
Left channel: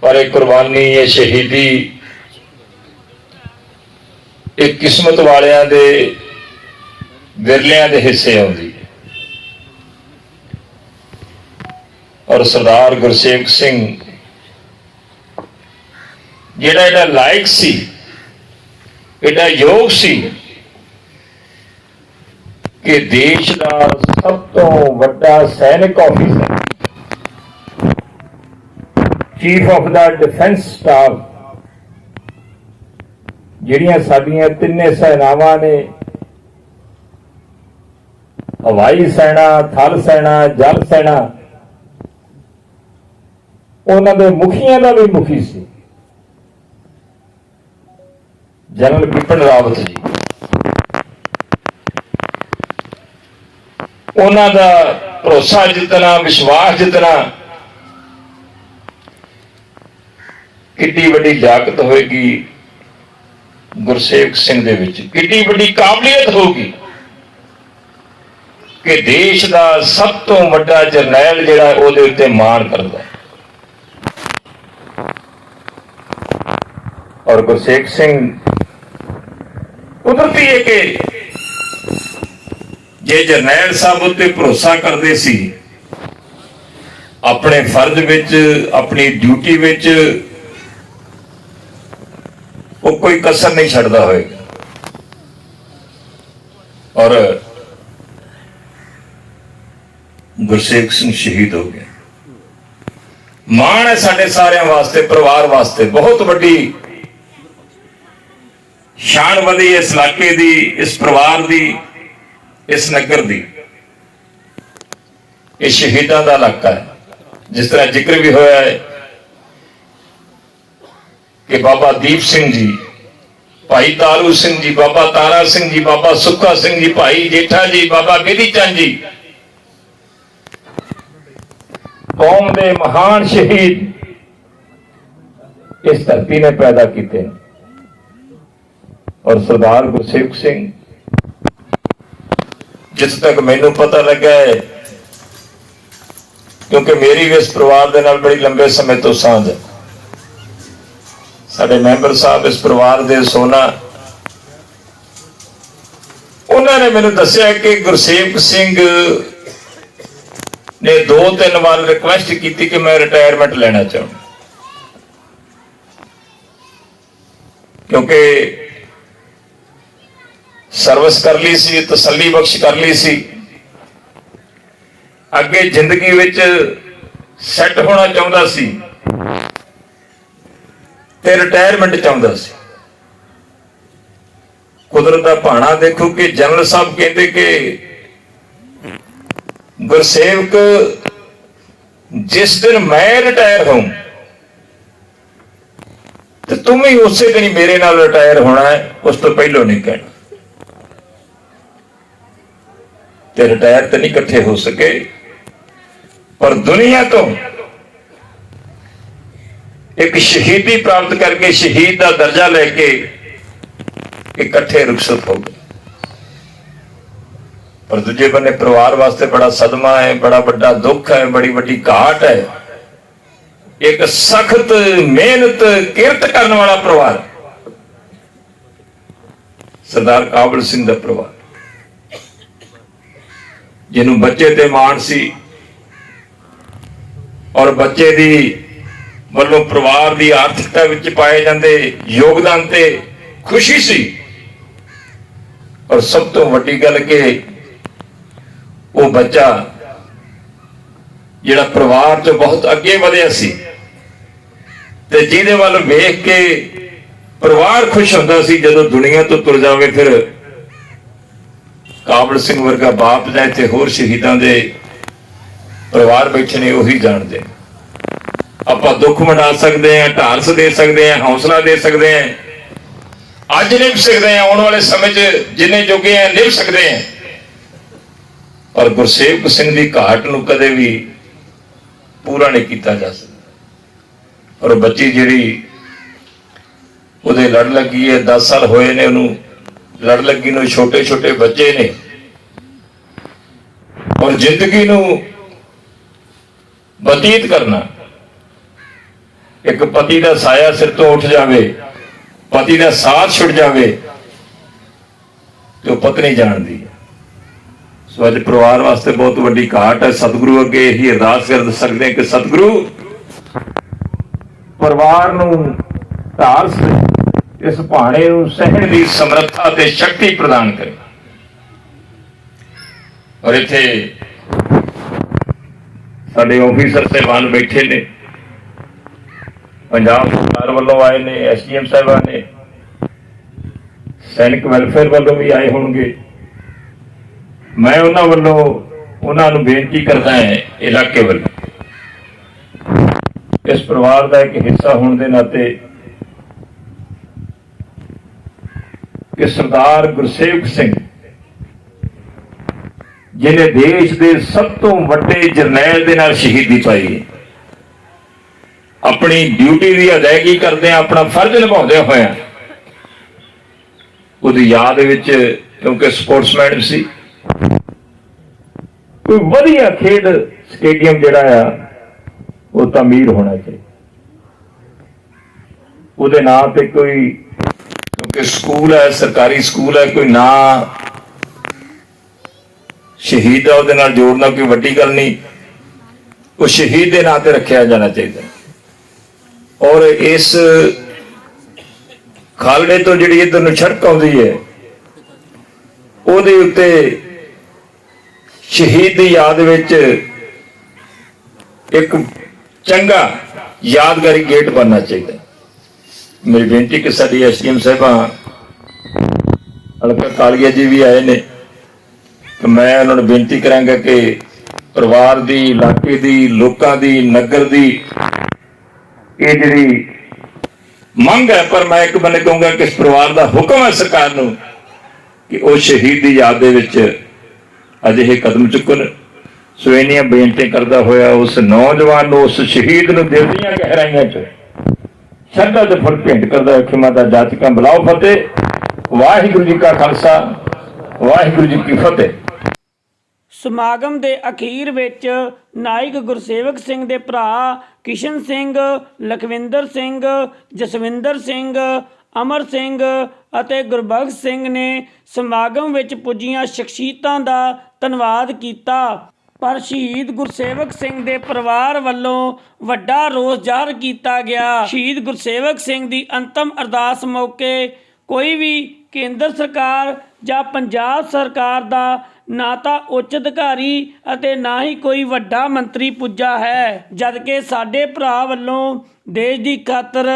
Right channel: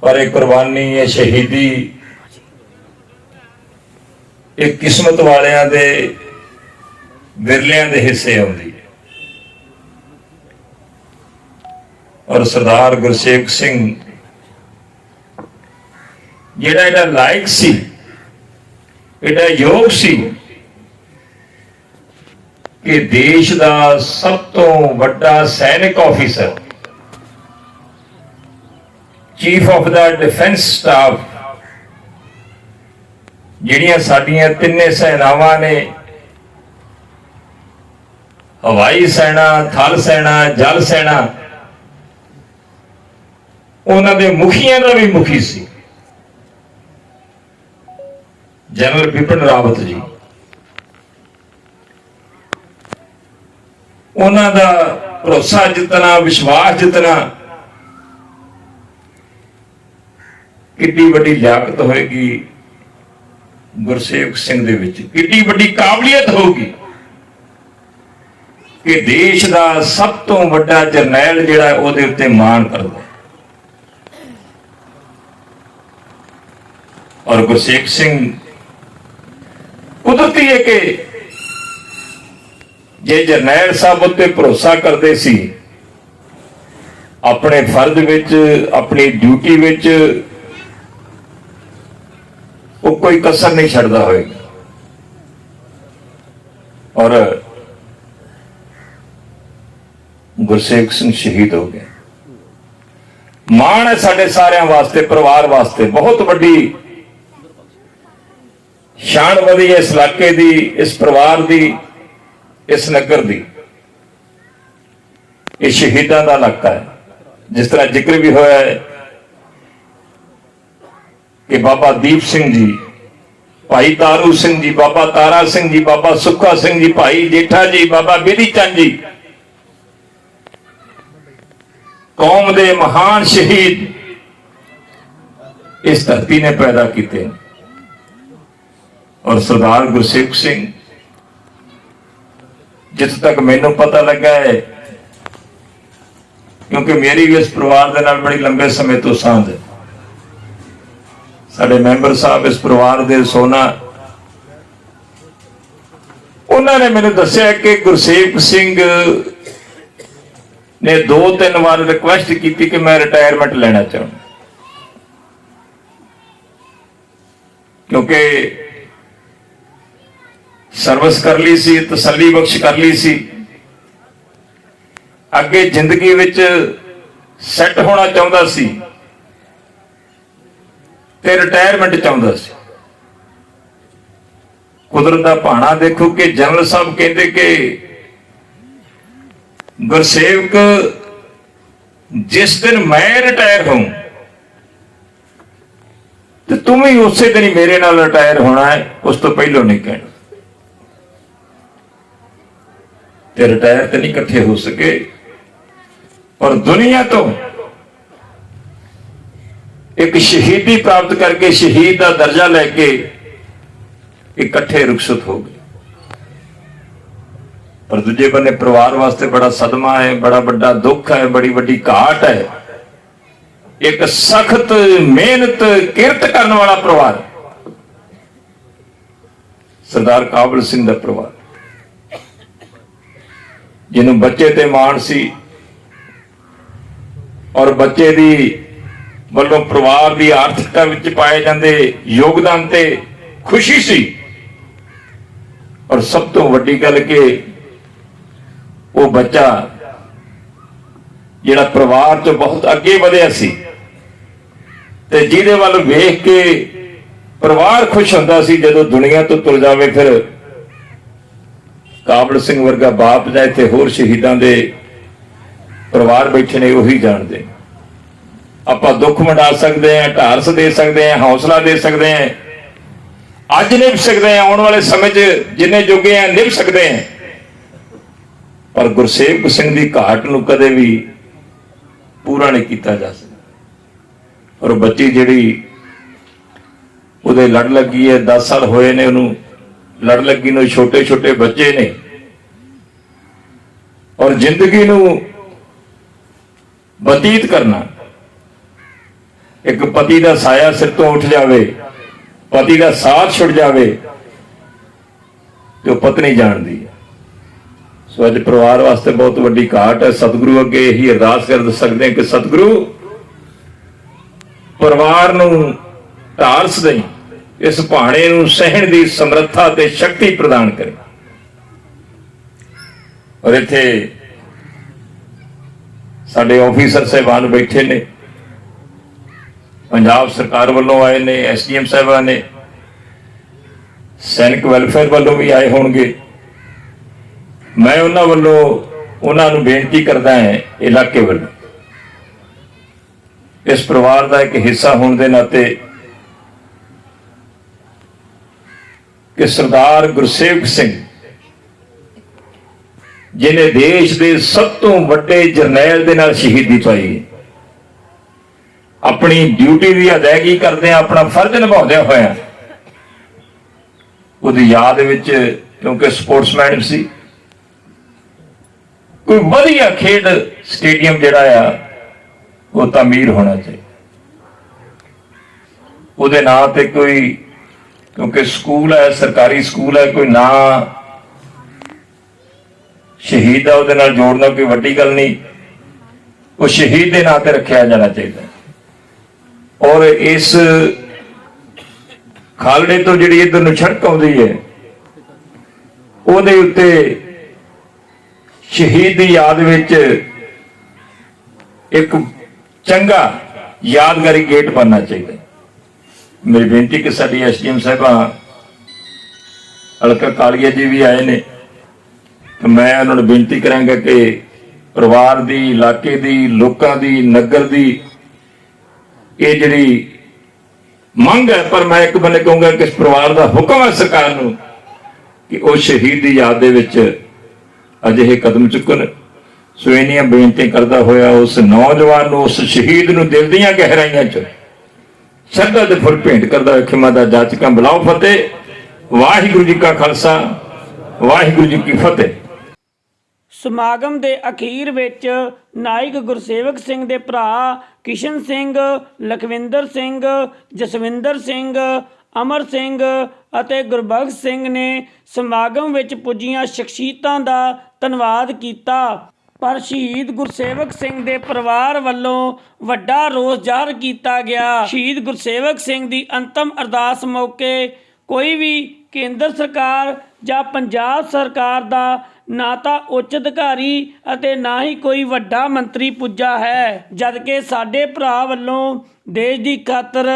ਪਰ ਇਹ ਕੁਰਬਾਨੀ, ਇਹ ਸ਼ਹੀਦੀ ਇਹ ਕਿਸਮਤ ਵਾਲਿਆਂ ਦੇ ਵਿਰਲਿਆਂ ਦੇ ਹਿੱਸੇ ਆਉਂਦੀ ਹੈ। ਔਰ ਸਰਦਾਰ ਗੁਰਸੇਵਕ ਸਿੰਘ ਜਿਹੜਾ ਲਾਇਕ ਸੀ, ਇਹਦਾ ਯੋਗ ਸੀ ਕਿ ਦੇਸ਼ ਦਾ ਸਭ ਤੋਂ ਵੱਡਾ ਸੈਨਿਕ officer, chief of the defence staff, ਜਿਹੜੀਆਂ ਸਾਡੀਆਂ ਤਿੰਨੇ ਸੈਨਾਵਾਂ ਨੇ, ਹਵਾਈ ਸੈਨਾ, ਥਲ ਸੈਨਾ, ਜਲ ਸੈਨਾ, ਉਹਨਾਂ ਦੇ ਮੁਖੀਆਂ ਦਾ ਵੀ ਮੁਖੀ ਸੀ ਜਨਰਲ ਬਿਪਿਨ ਰਾਵਤ ਜੀ। ਉਹਨਾਂ ਦਾ ਭਰੋਸਾ ਜਿੱਤਣਾ, ਵਿਸ਼ਵਾਸ ਜਿੱਤਣਾ ਕਿੰਨੀ ਵੱਡੀ ਲਿਆਕਤ ਹੋਏਗੀ ਗੁਰਸੇਵਕ ਸਿੰਘ ਦੇ ਵਿੱਚ, ਕਿੰਨੀ ਵੱਡੀ ਕਾਬਲੀਅਤ ਹੋਊਗੀ ਕਿ ਦੇਸ਼ ਦਾ ਸਭ ਤੋਂ ਵੱਡਾ ਜਰਨੈਲ ਜਿਹੜਾ ਉਹਦੇ ਉੱਤੇ ਮਾਣ ਕਰਦਾ। ਔਰ ਗੁਰਸੇਵਕ ਸਿੰਘ ਕੁਦਰਤੀ ਹੈ ਕਿ ਜੇ ਜਰਨੈਲ ਸਾਹਿਬ ਉੱਤੇ ਭਰੋਸਾ ਕਰਦੇ ਸੀ, ਆਪਣੇ ਫਰਜ਼ ਵਿੱਚ, ਆਪਣੀ ਡਿਊਟੀ ਵਿੱਚ ਉਹ ਕੋਈ ਕਸਰ ਨਹੀਂ ਛੱਡਦਾ ਹੋਏਗਾ। ਔਰ ਗੁਰਸੇਵਕ ਸਿੰਘ ਸ਼ਹੀਦ ਹੋ ਗਏ। ਮਾਣ ਹੈ ਸਾਡੇ ਸਾਰਿਆਂ ਵਾਸਤੇ, ਪਰਿਵਾਰ ਵਾਸਤੇ ਬਹੁਤ ਵੱਡੀ ਸ਼ਾਨ ਵਧੀ ਇਸ ਇਲਾਕੇ ਦੀ, ਇਸ ਪਰਿਵਾਰ ਦੀ, ਇਸ ਨਗਰ ਦੀ। ਇਹ ਸ਼ਹੀਦਾਂ ਦਾ ਇਲਾਕਾ ਹੈ। ਜਿਸ ਤਰ੍ਹਾਂ ਜ਼ਿਕਰ ਵੀ ਹੋਇਆ ਹੈ ਕਿ ਬਾਬਾ ਦੀਪ ਸਿੰਘ ਜੀ, ਭਾਈ ਤਾਰੂ ਸਿੰਘ ਜੀ, ਬਾਬਾ ਤਾਰਾ ਸਿੰਘ ਜੀ, ਬਾਬਾ ਸੁੱਖਾ ਸਿੰਘ ਜੀ, ਭਾਈ ਜੇਠਾ ਜੀ, ਬਾਬਾ ਬੇਦੀ ਚੰਦ ਜੀ, ਕੌਮ ਦੇ ਮਹਾਨ ਸ਼ਹੀਦ ਇਸ ਧਰਤੀ ਨੇ ਪੈਦਾ ਕੀਤੇ। ਔਰ ਸਰਦਾਰ ਗੁਰਸੇਵਕ ਸਿੰਘ, ਜਿੱਥੇ ਤੱਕ ਮੈਨੂੰ ਪਤਾ ਲੱਗਾ ਹੈ, ਕਿਉਂਕਿ ਮੇਰੀ ਵੀ ਇਸ ਪਰਿਵਾਰ ਦੇ ਨਾਲ ਬੜੀ ਲੰਬੇ ਸਮੇਂ ਤੋਂ ਸਾਂਝ ਹੈ, ਸਾਡੇ ਮੈਂਬਰ ਸਾਹਿਬ ਇਸ ਪਰਿਵਾਰ ਦੇ ਸੋਨਾ, ਉਹਨਾਂ ਨੇ ਮੈਨੂੰ ਦੱਸਿਆ ਕਿ ਗੁਰਸੇਵਕ ਸਿੰਘ ਨੇ 2-3 ਵਾਰ ਰਿਕੁਐਸਟ ਕੀਤੀ ਕਿ ਮੈਂ ਰਿਟਾਇਰਮੈਂਟ ਲੈਣਾ ਚਾਹੁੰਦਾ, ਕਿਉਂਕਿ ਸਰਵਿਸ ਕਰ ਲਈ ਸੀ, ਤਸੱਲੀ ਬਖਸ਼ ਕਰ ਲਈ ਸੀ, ਅੱਗੇ ਜ਼ਿੰਦਗੀ ਵਿੱਚ ਸੈੱਟ ਹੋਣਾ ਚਾਹੁੰਦਾ ਸੀ ਤੇ ਰਿਟਾਇਰਮੈਂਟ ਚਾਹੁੰਦਾ ਸੀ। ਕੁਦਰਤ ਦਾ ਭਾਣਾ ਦੇਖੋ ਕਿ ਜਨਰਲ ਸਾਹਿਬ ਕਹਿੰਦੇ ਕਿ ਗੁਰਸੇਵਕ, ਜਿਸ ਦਿਨ ਮੈਂ ਰਿਟਾਇਰ ਹੋਊਂ ਤੇ ਤੂੰ ਵੀ ਉਸੇ ਦਿਨ ਹੀ ਮੇਰੇ ਨਾਲ ਰਿਟਾਇਰ ਹੋਣਾ ਹੈ, ਉਸ ਤੋਂ ਪਹਿਲਾਂ ਨਹੀਂ ਕਹਿਣਾ। ਤੇ ਰਿਟਾਇਰ ਤਾਂ ਨਹੀਂ ਇਕੱਠੇ ਹੋ ਸਕੇ, ਪਰ ਦੁਨੀਆ ਤੋਂ ਇੱਕ ਸ਼ਹੀਦੀ ਪ੍ਰਾਪਤ ਕਰਕੇ, ਸ਼ਹੀਦ ਦਾ ਦਰਜਾ ਲੈ ਕੇ ਇਕੱਠੇ ਰੁਖਸਤ ਹੋ ਗਏ। ਪਰ ਦੂਜੇ ਬੰਨੇ ਪਰਿਵਾਰ ਵਾਸਤੇ ਬੜਾ ਸਦਮਾ ਹੈ, ਬੜਾ ਵੱਡਾ ਦੁੱਖ ਹੈ, ਬੜੀ ਵੱਡੀ ਘਾਟ ਹੈ। ਇੱਕ ਸਖਤ ਮਿਹਨਤ ਕਿਰਤ ਕਰਨ ਵਾਲਾ ਪਰਿਵਾਰ, ਸਰਦਾਰ ਕਾਬਲ ਸਿੰਘ ਦਾ ਪਰਿਵਾਰ, ਜਿਹਨੂੰ ਬੱਚੇ ਤੇ ਮਾਣ ਸੀ ਔਰ ਬੱਚੇ ਦੀ ਵੱਲੋਂ ਪਰਿਵਾਰ ਦੀ ਆਰਥਿਕਤਾ ਵਿੱਚ ਪਾਏ ਜਾਂਦੇ ਯੋਗਦਾਨ ਤੇ ਖੁਸ਼ੀ ਸੀ। ਔਰ ਸਭ ਤੋਂ ਵੱਡੀ ਗੱਲ ਕਿ ਉਹ ਬੱਚਾ ਜਿਹੜਾ ਪਰਿਵਾਰ ਤੋਂ ਬਹੁਤ ਅੱਗੇ ਵਧਿਆ ਸੀ ਤੇ ਜਿਹਦੇ ਵੱਲ ਵੇਖ ਕੇ ਪਰਿਵਾਰ ਖੁਸ਼ ਹੁੰਦਾ ਸੀ ਜਦੋਂ ਦੁਨੀਆ ਤੋਂ ਤੁਰ ਜਾਵੇ। ਫਿਰ ਕਾਬਲ ਸਿੰਘ ਵਰਗਾ ਬਾਪ ਜਾਂ ਇੱਥੇ ਹੋਰ ਸ਼ਹੀਦਾਂ ਦੇ ਪਰਿਵਾਰ ਬੈਠੇ ਨੇ, ਉਹੀ ਜਾਣਦੇ। ਆਪਾਂ ਦੁੱਖ ਵੰਡਾ ਸਕਦੇ ਹਾਂ, ਢਾਰਸ ਦੇ ਸਕਦੇ ਹਾਂ, ਹੌਸਲਾ ਦੇ ਸਕਦੇ ਹਾਂ, ਅੱਜ ਨਿਭ ਸਕਦੇ ਹਾਂ, ਆਉਣ ਵਾਲੇ ਸਮੇਂ 'ਚ ਜਿੰਨੇ ਜੋਗੇ ਆ ਨਿਭ ਸਕਦੇ ਹਾਂ। ਪਰ ਗੁਰਸੇਵਕ ਸਿੰਘ ਦੀ ਘਾਟ ਨੂੰ ਕਦੇ ਵੀ ਪੂਰਾ ਨਹੀਂ ਕੀਤਾ ਜਾ ਸਕਦਾ। ਔਰ ਬੱਚੀ ਜਿਹੜੀ ਉਹਦੇ ਲੜ ਲੱਗੀ ਹੈ, 10 ਸਾਲ ਹੋਏ ਨੇ ਉਹਨੂੰ ਲੜ ਲੱਗੀ ਨੂੰ, ਛੋਟੇ ਛੋਟੇ ਬੱਚੇ ਨੇ, ਔਰ ਜ਼ਿੰਦਗੀ ਨੂੰ ਬਤੀਤ ਕਰਨਾ, ਇੱਕ ਪਤੀ ਦਾ ਸਾਇਆ ਸਿਰ ਤੋਂ ਉੱਠ ਜਾਵੇ, ਪਤੀ ਦਾ ਸਾਥ ਛੁੱਟ ਜਾਵੇ ਤੇ ਉਹ ਪਤਨੀ ਜਾਣਦੀ ਹੈ। ਸੋ ਅੱਜ ਪਰਿਵਾਰ ਵਾਸਤੇ ਬਹੁਤ ਵੱਡੀ ਘਾਟ ਹੈ। ਸਤਿਗੁਰੂ ਅੱਗੇ ਇਹੀ ਅਰਦਾਸ ਕਰ ਸਕਦੇ ਹਾਂ ਕਿ ਸਤਿਗੁਰੂ ਪਰਿਵਾਰ ਨੂੰ ਢਾਰਸ ਦੇ, ਇਸ ਭਾਣੇ ਨੂੰ ਸਹਿਣ ਦੀ ਸਮਰੱਥਾ ਤੇ ਸ਼ਕਤੀ ਪ੍ਰਦਾਨ ਕਰੇ। ਔਰ ਇੱਥੇ ਸਾਡੇ ਆਫੀਸਰ ਸਾਹਿਬਾਨ ਬੈਠੇ ਨੇ, ਪੰਜਾਬ ਸਰਕਾਰ ਵੱਲੋਂ ਆਏ ਨੇ, ਐਸਡੀਐਮ ਸਾਹਿਬਾਨ ਨੇ, ਸੈਨਿਕ ਵੈਲਫੇਅਰ ਵੱਲੋਂ ਵੀ ਆਏ ਹੋਣਗੇ। ਮੈਂ ਉਹਨਾਂ ਵੱਲੋਂ ਉਹਨਾਂ ਨੂੰ ਬੇਨਤੀ ਕਰਦਾ ਹਾਂ, ਇਲਾਕੇ ਵੱਲੋਂ ਇਸ ਪਰਿਵਾਰ ਦਾ ਇੱਕ ਹਿੱਸਾ ਹੋਣ ਦੇ ਨਾਤੇ, ਕਿ ਸਰਦਾਰ ਗੁਰਸੇਵਕ ਸਿੰਘ ਜਿਹਨੇ ਦੇਸ਼ ਦੇ ਸਭ ਤੋਂ ਵੱਡੇ ਜਰਨੈਲ ਦੇ ਨਾਲ ਸ਼ਹੀਦੀ ਪਾਈ, ਆਪਣੀ ਡਿਊਟੀ ਦੀ ਅਦਾਇਗੀ ਕਰਦੇ ਆ, ਆਪਣਾ ਫਰਜ਼ ਨਿਭਾਉਂਦੇ ਹੋਇਆ, ਉਹਦੀ ਯਾਦ ਵਿੱਚ, ਕਿਉਂਕਿ ਸਪੋਰਟਸਮੈਨ ਸੀ, ਕੋਈ ਵਧੀਆ ਖੇਡ ਸਟੇਡੀਅਮ ਜਿਹੜਾ ਆ ਉਹ ਤਾਮੀਰ ਹੋਣਾ ਚਾਹੀਦਾ। ਉਹਦੇ ਨਾਂ ਤੇ ਕੋਈ, ਕਿਉਂਕਿ ਸਕੂਲ ਹੈ, ਸਰਕਾਰੀ ਸਕੂਲ ਹੈ, ਕੋਈ ਨਾਂ ਸ਼ਹੀਦ ਦਾ ਉਹਦੇ ਨਾਲ ਜੋੜਨਾ ਕੋਈ ਵੱਡੀ ਗੱਲ ਨਹੀਂ, ਉਹ ਸ਼ਹੀਦ ਦੇ ਨਾਂ ਤੇ ਰੱਖਿਆ ਜਾਣਾ ਚਾਹੀਦਾ। ਔਰ ਇਸ ਖਾਲੜੇ ਤੋਂ ਜਿਹੜੀ ਇੱਧਰ ਨੂੰ ਸੜਕ ਆਉਂਦੀ ਹੈ, ਉਹਦੇ ਉੱਤੇ ਸ਼ਹੀਦ ਦੀ ਯਾਦ ਵਿੱਚ ਇੱਕ ਚੰਗਾ ਯਾਦਗਾਰੀ ਗੇਟ ਬਣਨਾ ਚਾਹੀਦਾ। ਮੇਰੀ ਬੇਨਤੀ ਕਿ ਸਾਡੀ ਐਸਡੀਐਮ ਸਾਹਿਬਾਂ ਹਲਕਾ ਕਾਲੀਆ ਜੀ ਵੀ ਆਏ ਨੇ, ਤੇ ਮੈਂ ਉਹਨਾਂ ਨੂੰ ਬੇਨਤੀ ਕਰਾਂਗਾ ਕਿ ਪਰਿਵਾਰ ਦੀ, ਇਲਾਕੇ ਦੀ, ਲੋਕਾਂ ਦੀ, ਨਗਰ ਦੀ ਇਹ ਜਿਹੜੀ ਮੰਗ ਹੈ, ਪਰ ਮੈਂ ਇੱਕ ਬੰਨੇ ਕਹੂੰਗਾ ਕਿ ਇਸ ਪਰਿਵਾਰ ਦਾ ਹੁਕਮ ਹੈ ਸਰਕਾਰ ਨੂੰ ਕਿ ਉਹ ਸ਼ਹੀਦ ਦੀ ਯਾਦ ਦੇ ਵਿੱਚ ਅਜਿਹੇ ਕਦਮ ਚੁੱਕਣ। ਸੋ ਇੰਨੀਆਂ ਬੇਨਤੀ ਕਰਦਾ ਹੋਇਆ ਉਸ ਨੌਜਵਾਨ ਨੂੰ, ਉਸ ਸ਼ਹੀਦ ਨੂੰ ਦਿਲ ਦੀਆਂ ਗਹਿਰਾਈਆਂ 'ਚ ਸ਼ਰਧਾ ਦੇ ਫੁੱਲ ਭੇਂਟ ਕਰਦਾ ਹੋਇਆ ਖਿਮਾ ਦਾ ਜਾਚਕਾਂ ਬੁਲਾਓ ਫਤਿਹ। ਵਾਹਿਗੁਰੂ ਜੀ ਕਾ ਖਾਲਸਾ, ਵਾਹਿਗੁਰੂ ਜੀ ਕੀ ਫਤਿਹ। ਸਮਾਗਮ ਦੇ ਅਖੀਰ ਵਿੱਚ ਨਾਇਕ ਗੁਰਸੇਵਕ ਸਿੰਘ ਦੇ ਭਰਾ ਕਿਸ਼ਨ ਸਿੰਘ, ਲਖਵਿੰਦਰ ਸਿੰਘ, ਜਸਵਿੰਦਰ ਸਿੰਘ, ਅਮਰ ਸਿੰਘ ਅਤੇ ਗੁਰਬਖਸ਼ ਸਿੰਘ ਨੇ ਸਮਾਗਮ ਵਿੱਚ ਪੁੱਜੀਆਂ ਸ਼ਖਸੀਅਤਾਂ ਦਾ ਧੰਨਵਾਦ ਕੀਤਾ। ਪਰ ਸ਼ਹੀਦ ਗੁਰਸੇਵਕ ਸਿੰਘ ਦੇ ਪਰਿਵਾਰ ਵੱਲੋਂ ਵੱਡਾ ਰੋਸ ਜ਼ਾਹਰ ਕੀਤਾ ਗਿਆ। ਸ਼ਹੀਦ ਗੁਰਸੇਵਕ ਸਿੰਘ ਦੀ ਅੰਤਮ ਅਰਦਾਸ ਮੌਕੇ ਕੋਈ ਵੀ ਕੇਂਦਰ ਸਰਕਾਰ ਜਾਂ ਪੰਜਾਬ ਸਰਕਾਰ ਦਾ ਨਾ ਤਾਂ ਉੱਚ ਅਧਿਕਾਰੀ ਅਤੇ ਨਾ ਹੀ ਕੋਈ ਵੱਡਾ ਮੰਤਰੀ ਪੁੱਜਾ ਹੈ, ਜਦਕਿ ਸਾਡੇ ਭਰਾ ਵੱਲੋਂ ਦੇਸ਼ ਦੀ ਖਾਤਰ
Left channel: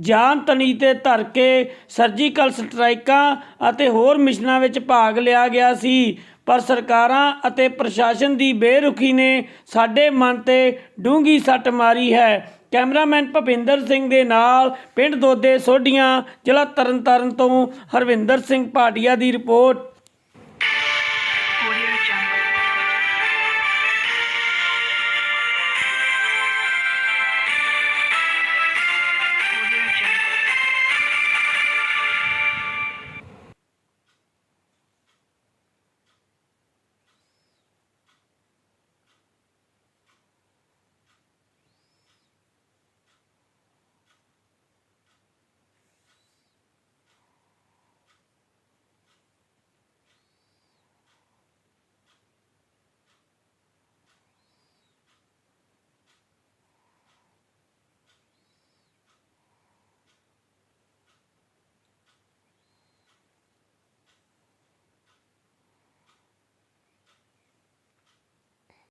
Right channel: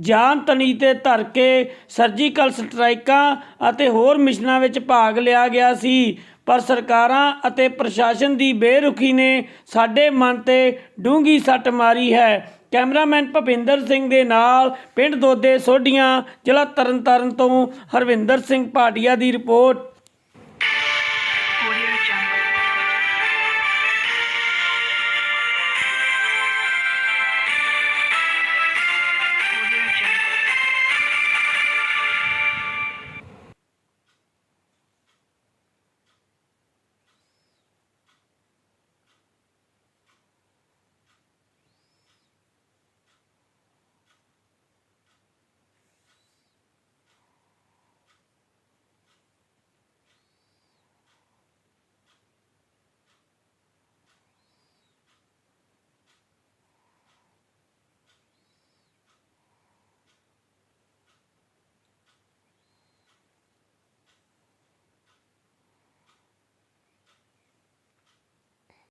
ਜਾਨ ਤਣੀ ਤੇ ਧਰ ਕੇ ਸਰਜੀਕਲ ਸਟ੍ਰਾਈਕਾਂ ਅਤੇ ਹੋਰ ਮਿਸ਼ਨਾਂ ਵਿੱਚ ਭਾਗ ਲਿਆ ਗਿਆ ਸੀ। ਪਰ ਸਰਕਾਰਾਂ ਅਤੇ ਪ੍ਰਸ਼ਾਸਨ ਦੀ ਬੇਰੁਖੀ ਨੇ ਸਾਡੇ ਮਨ ਤੇ ਡੂੰਘੀ ਸੱਟ ਮਾਰੀ ਹੈ। ਕੈਮਰਾਮੈਨ ਭੁਪਿੰਦਰ ਸਿੰਘ ਦੇ ਨਾਲ ਪਿੰਡ ਦੋਦੇ ਸੋਢੀਆਂ, ਜ਼ਿਲ੍ਹਾ ਤਰਨਤਾਰਨ ਤੋਂ ਹਰਵਿੰਦਰ ਸਿੰਘ ਭਾਟੀਆ ਦੀ ਰਿਪੋਰਟ।